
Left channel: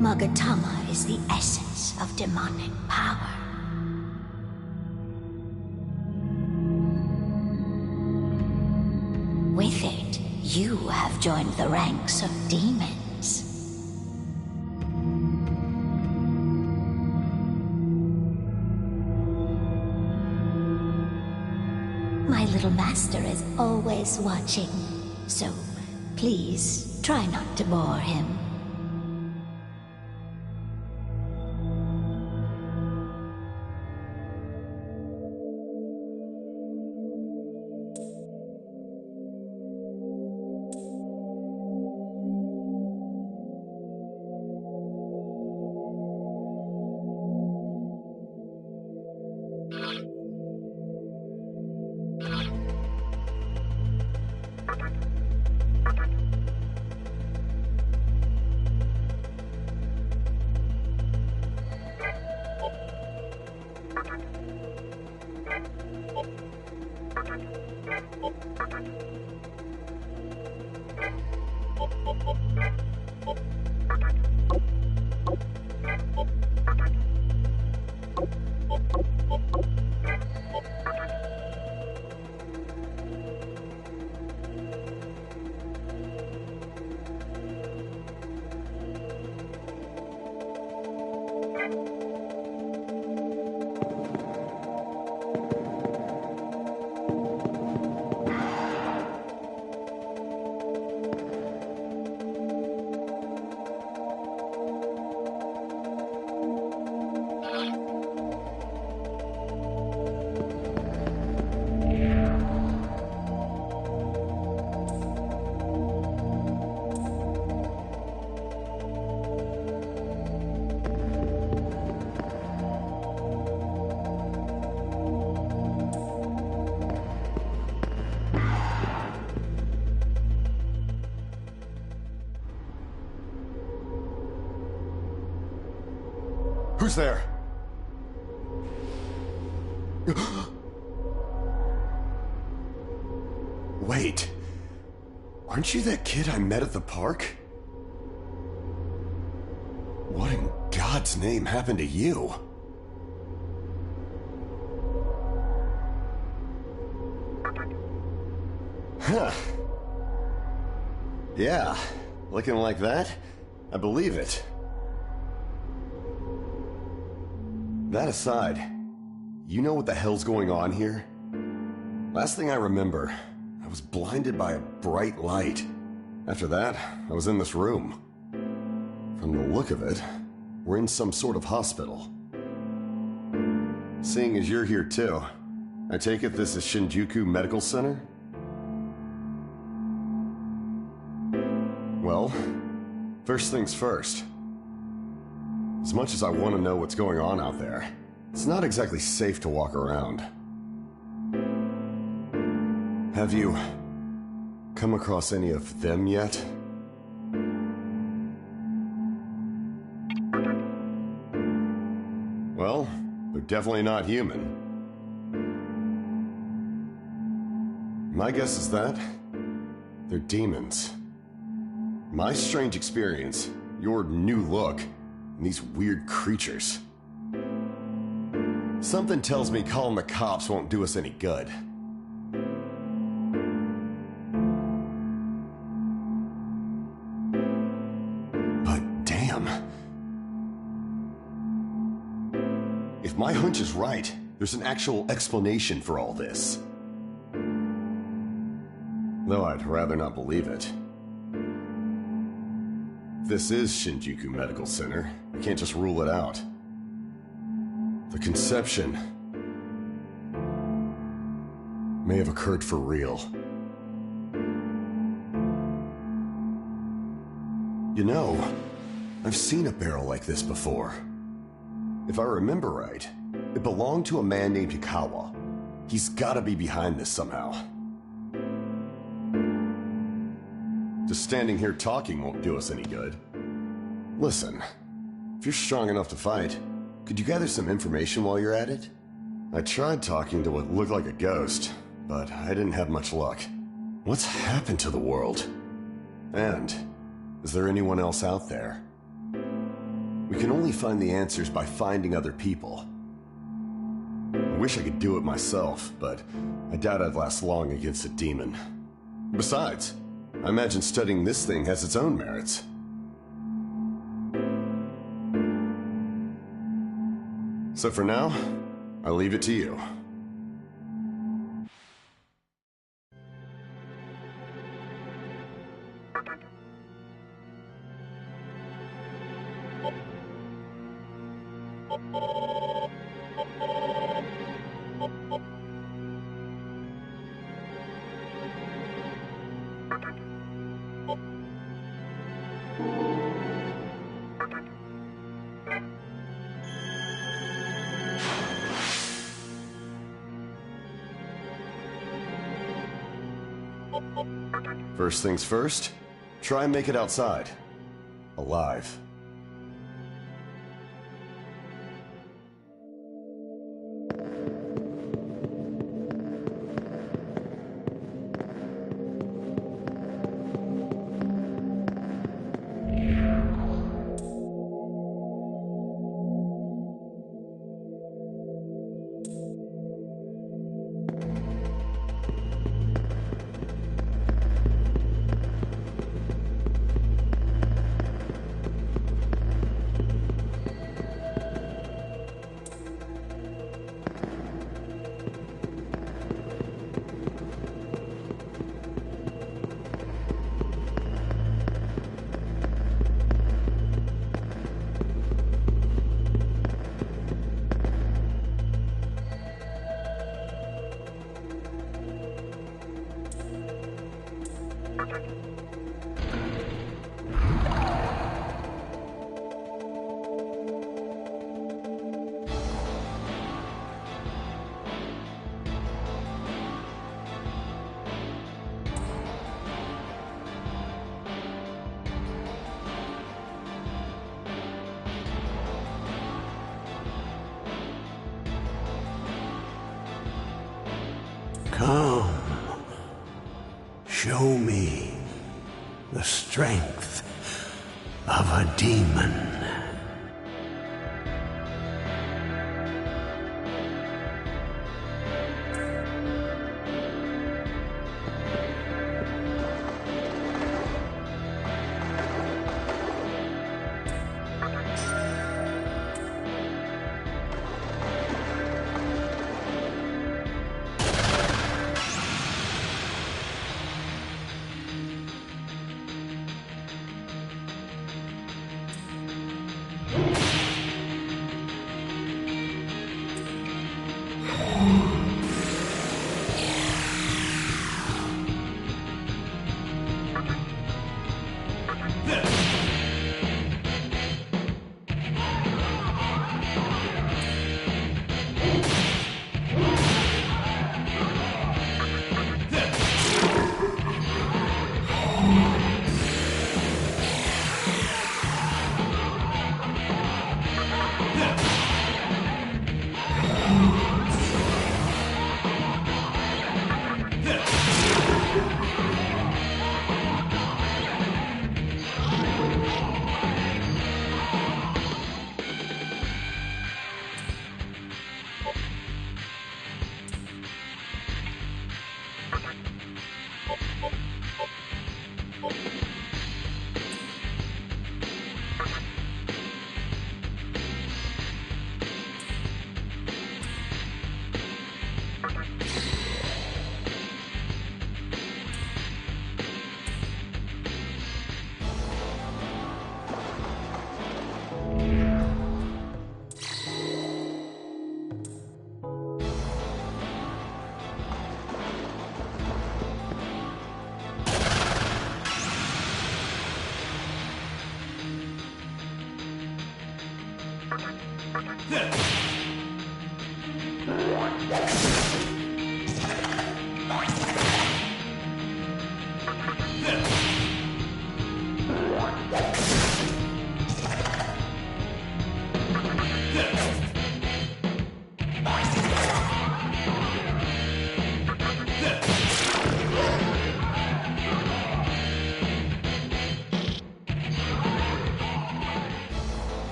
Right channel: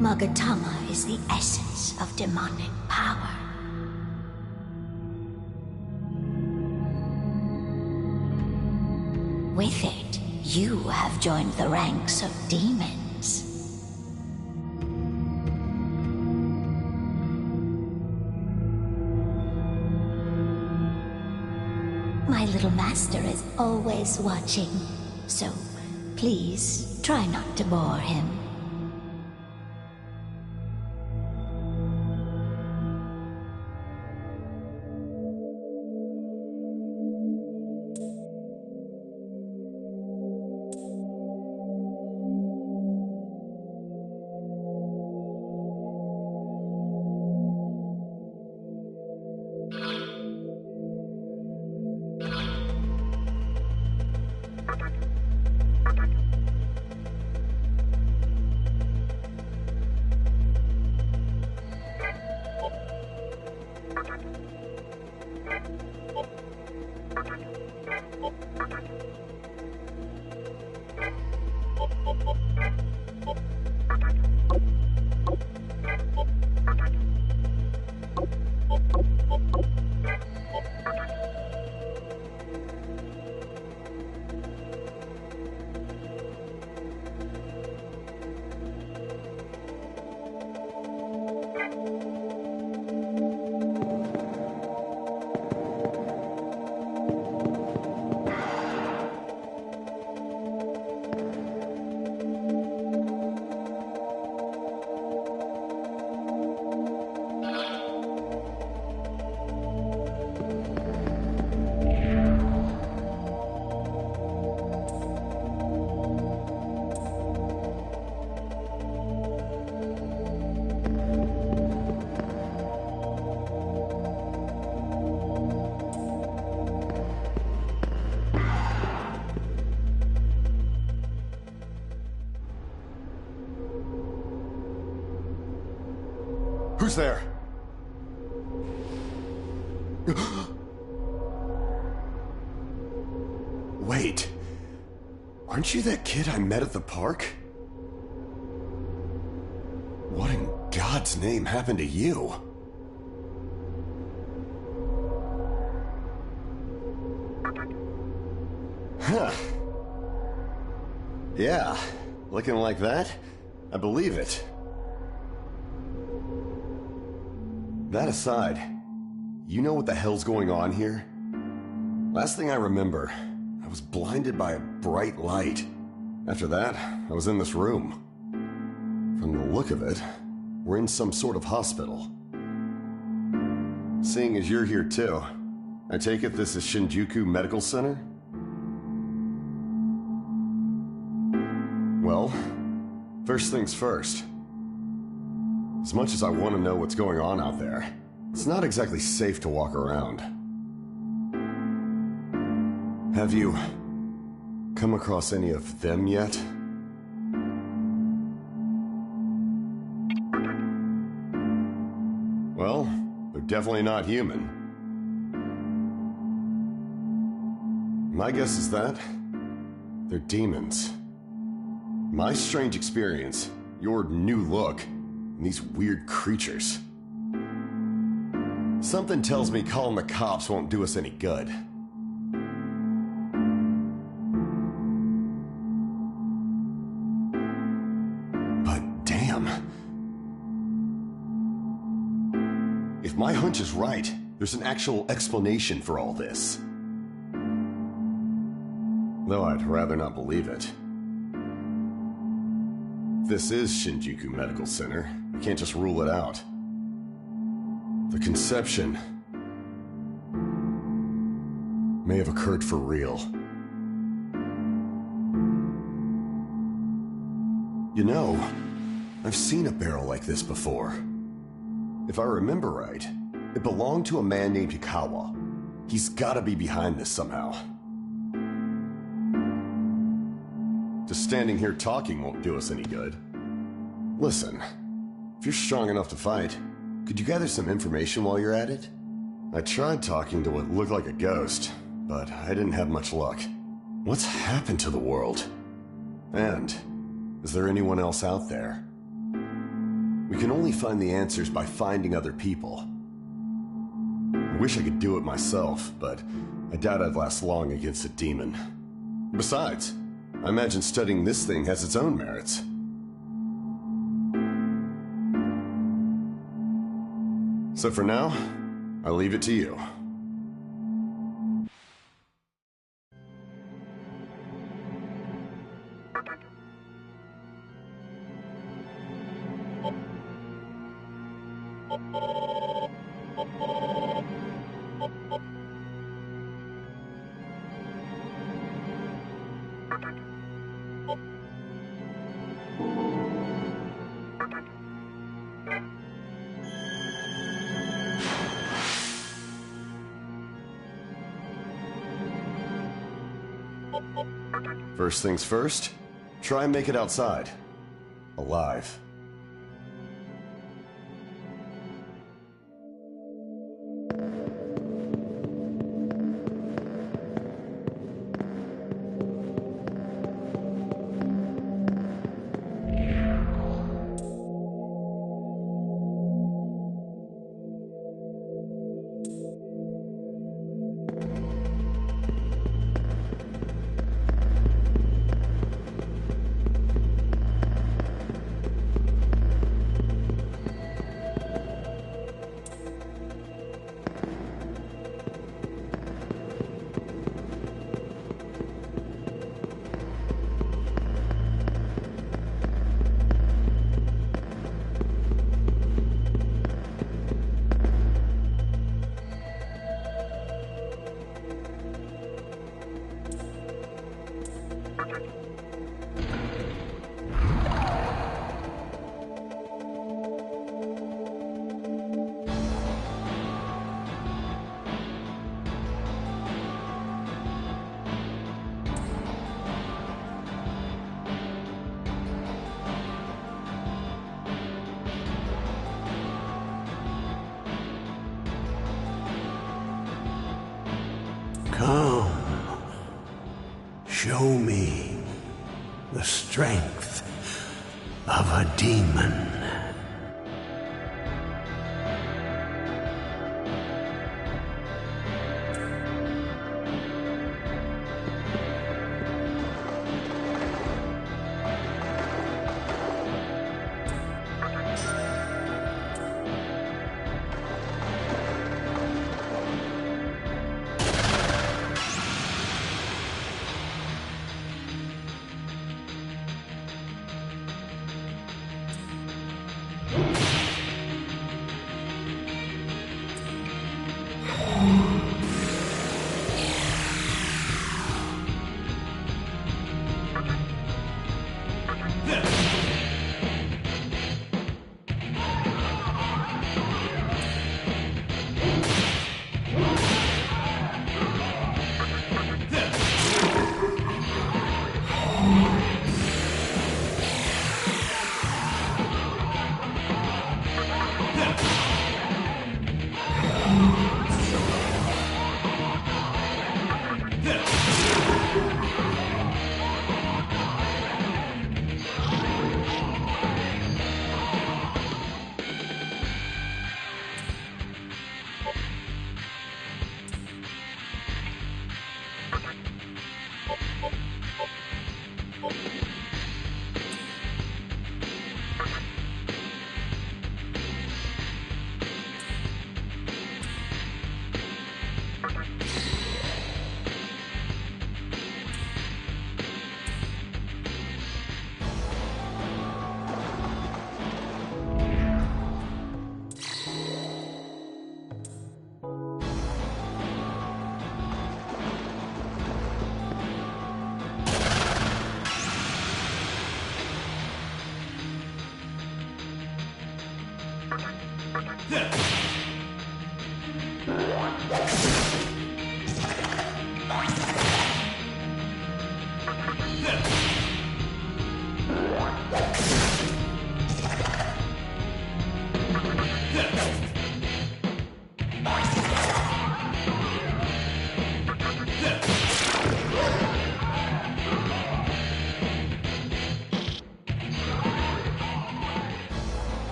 Magatama is the essence of demonic power. With it, you have joined the ranks of demons. My little master is always watching, so please try not to bore him. Who's there? Wait. Aren't you that kid I met at the park? What in God's name happened to you? Huh. Yeah, looking like that? I believe it. That aside, you know what the hell's going on here? Last thing I remember, I was blinded by a bright light. After that, I was in this room. From the look of it, we're in some sort of hospital. Seeing as you're here too, I take it this is Shinjuku Medical Center? Well, first things first. As much as I want to know what's going on out there, it's not exactly safe to walk around. Have you come across any of them yet? Well, they're definitely not human. My guess is that They're demons. My strange experience, your new look, and these weird creatures. Something tells me calling the cops won't do us any good. But damn. If my hunch is right, there's an actual explanation for all this. Though I'd rather not believe it. If this is Shinjuku Medical Center, I can't just rule it out. The conception may have occurred for real. You know, I've seen a barrel like this before. If I remember right, it belonged to a man named Hikawa. He's gotta be behind this somehow. Just standing here talking won't do us any good. Listen, if you're strong enough to fight, could you gather some information while you're at it? I tried talking to what looked like a ghost, but I didn't have much luck. What's happened to the world? And is there anyone else out there? We can only find the answers by finding other people. I wish I could do it myself, but I doubt I'd last long against a demon. Besides, I imagine studying this thing has its own merits. So for now, I'll leave it to you. First things first, try and make it outside. Alive. Come, show me the strength of a demon.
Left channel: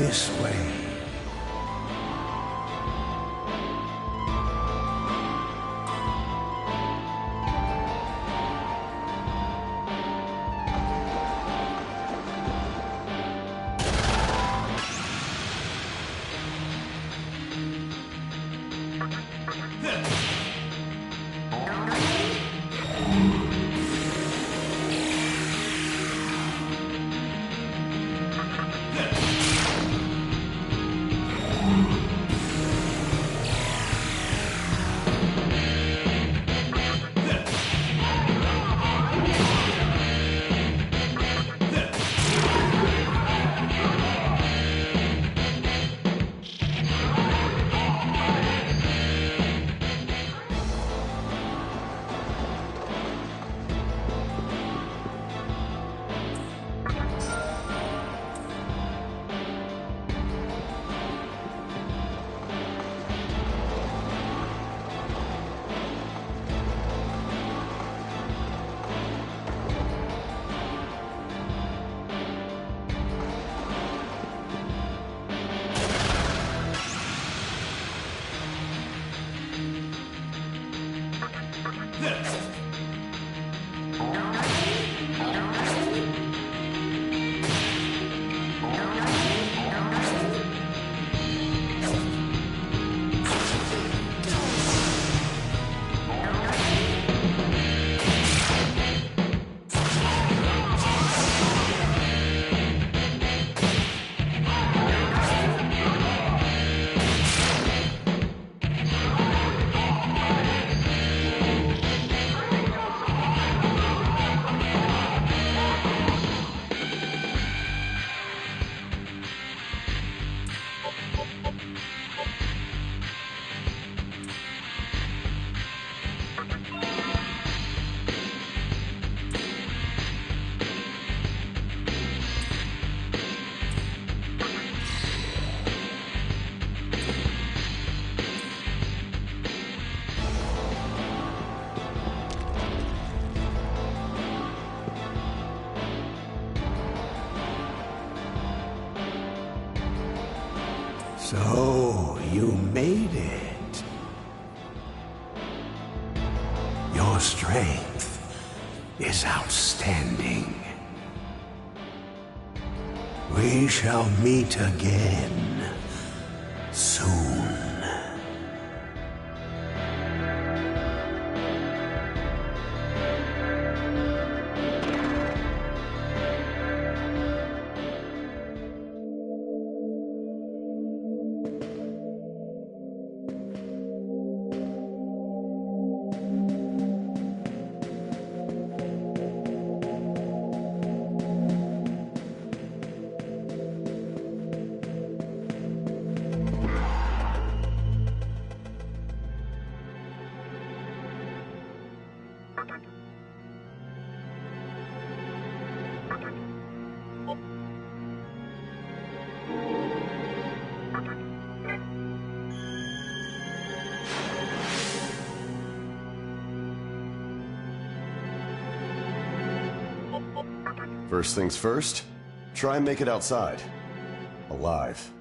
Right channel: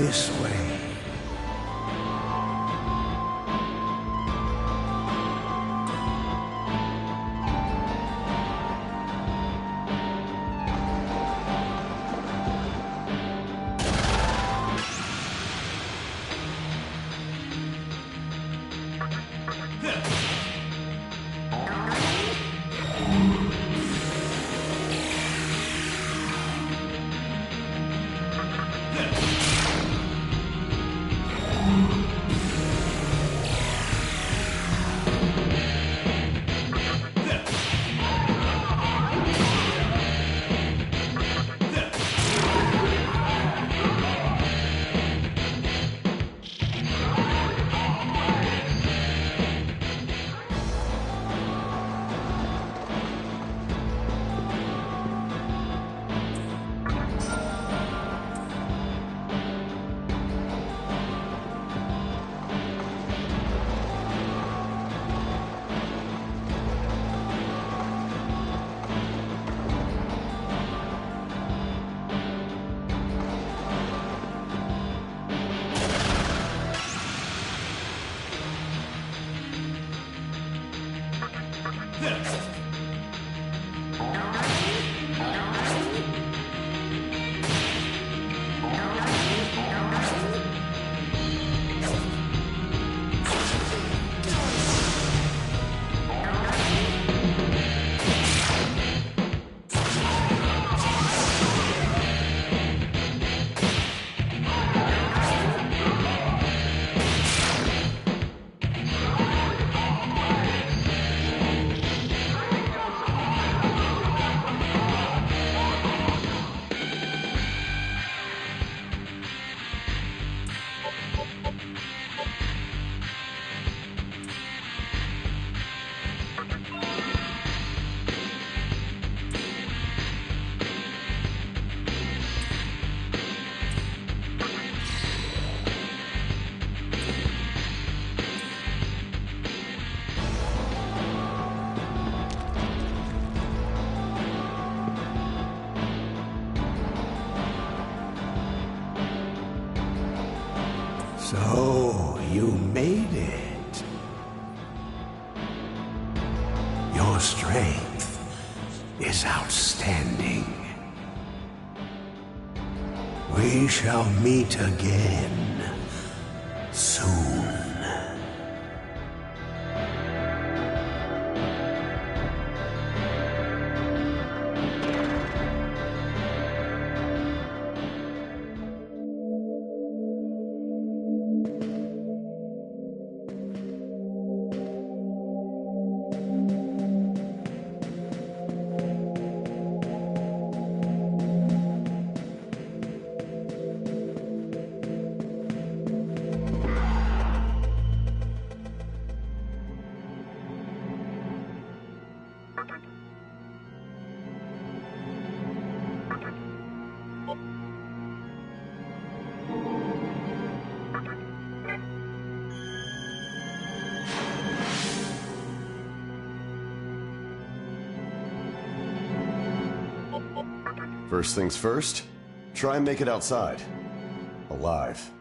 This way. is outstanding. We shall meet again soon. First things first, try and make it outside. Alive.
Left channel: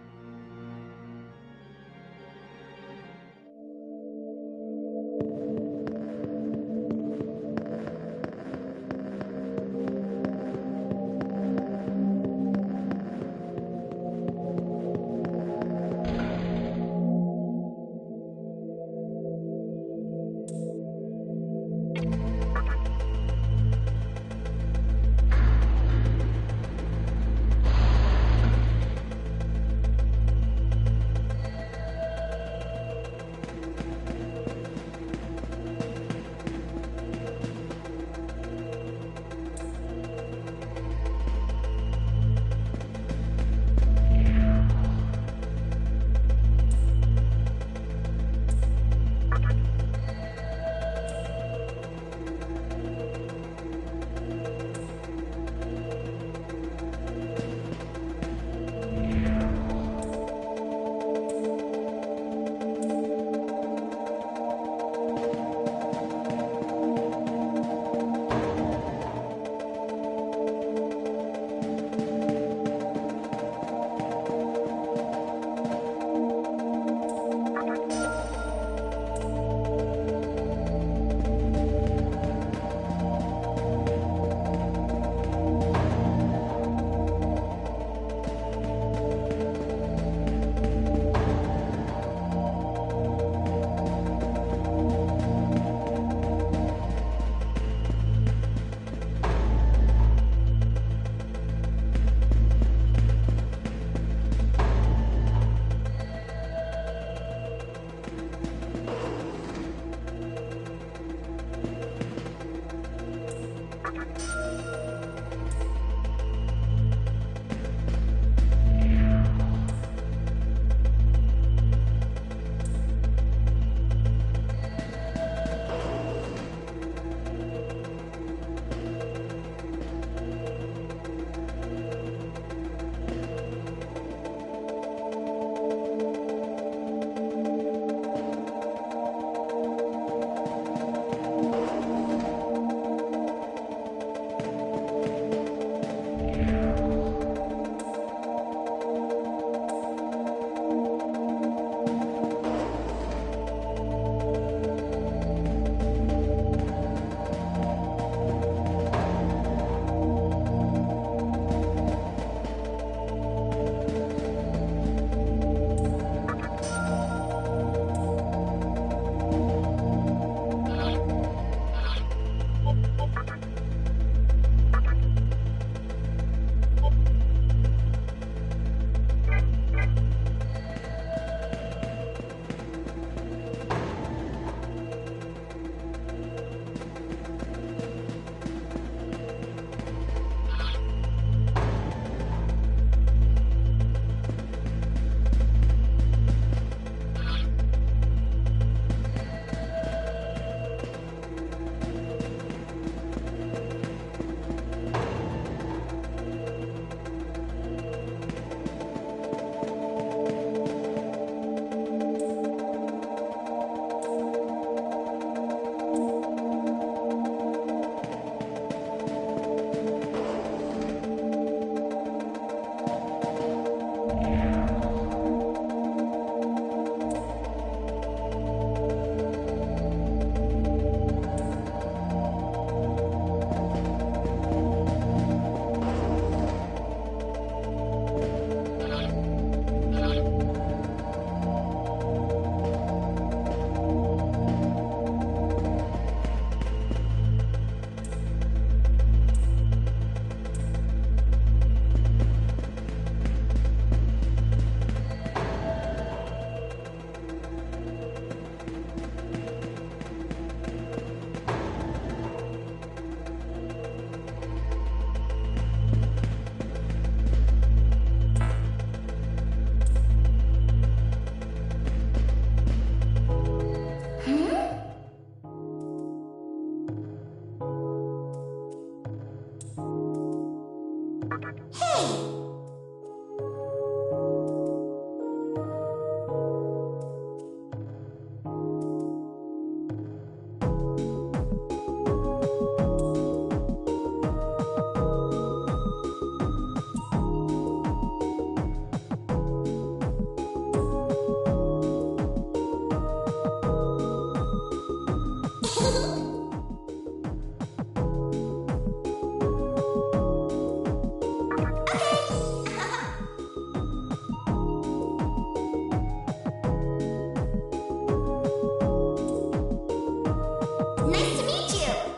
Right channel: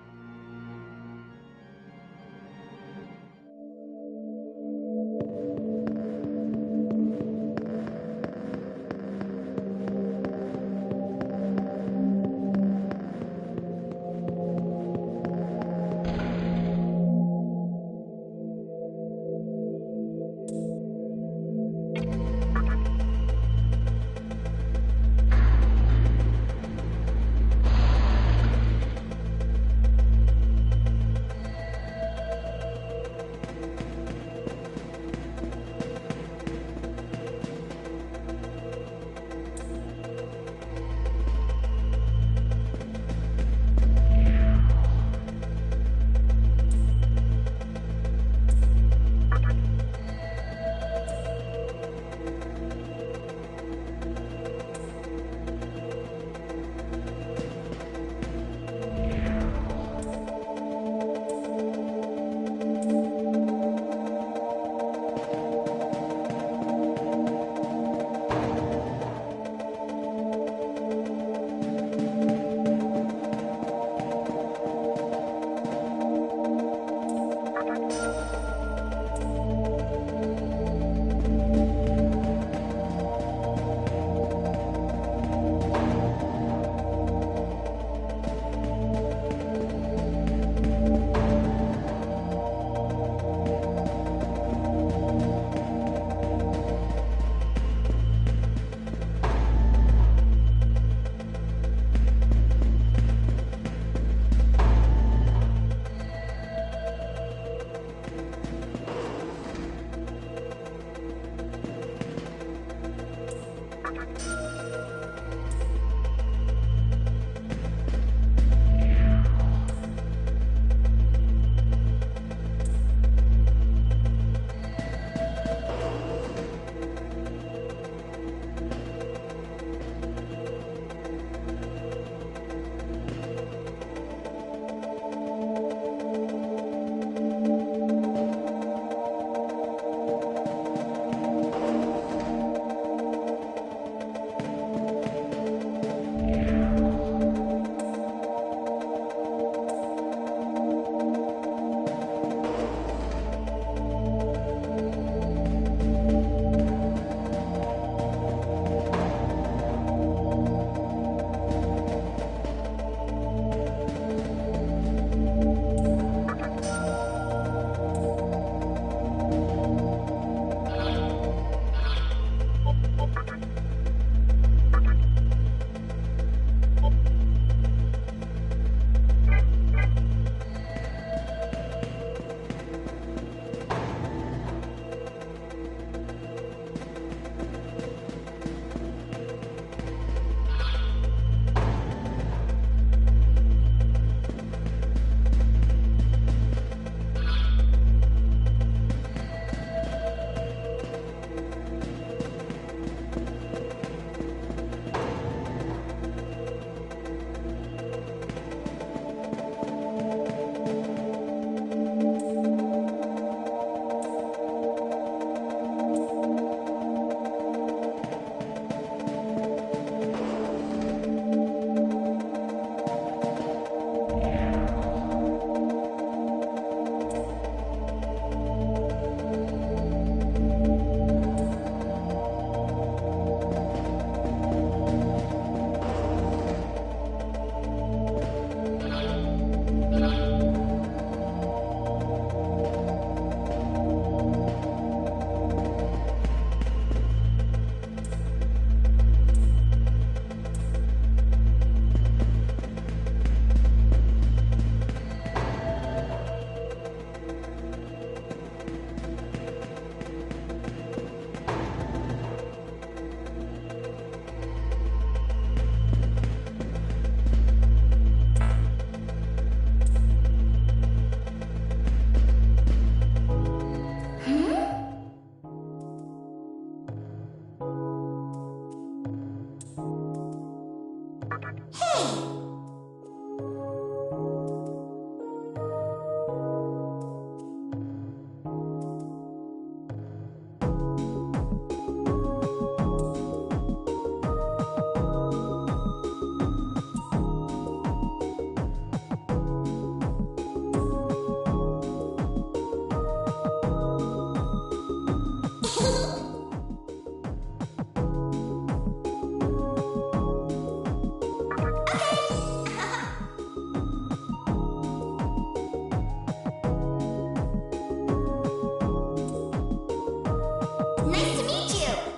Nice to meet you!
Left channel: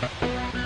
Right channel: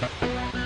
Bye.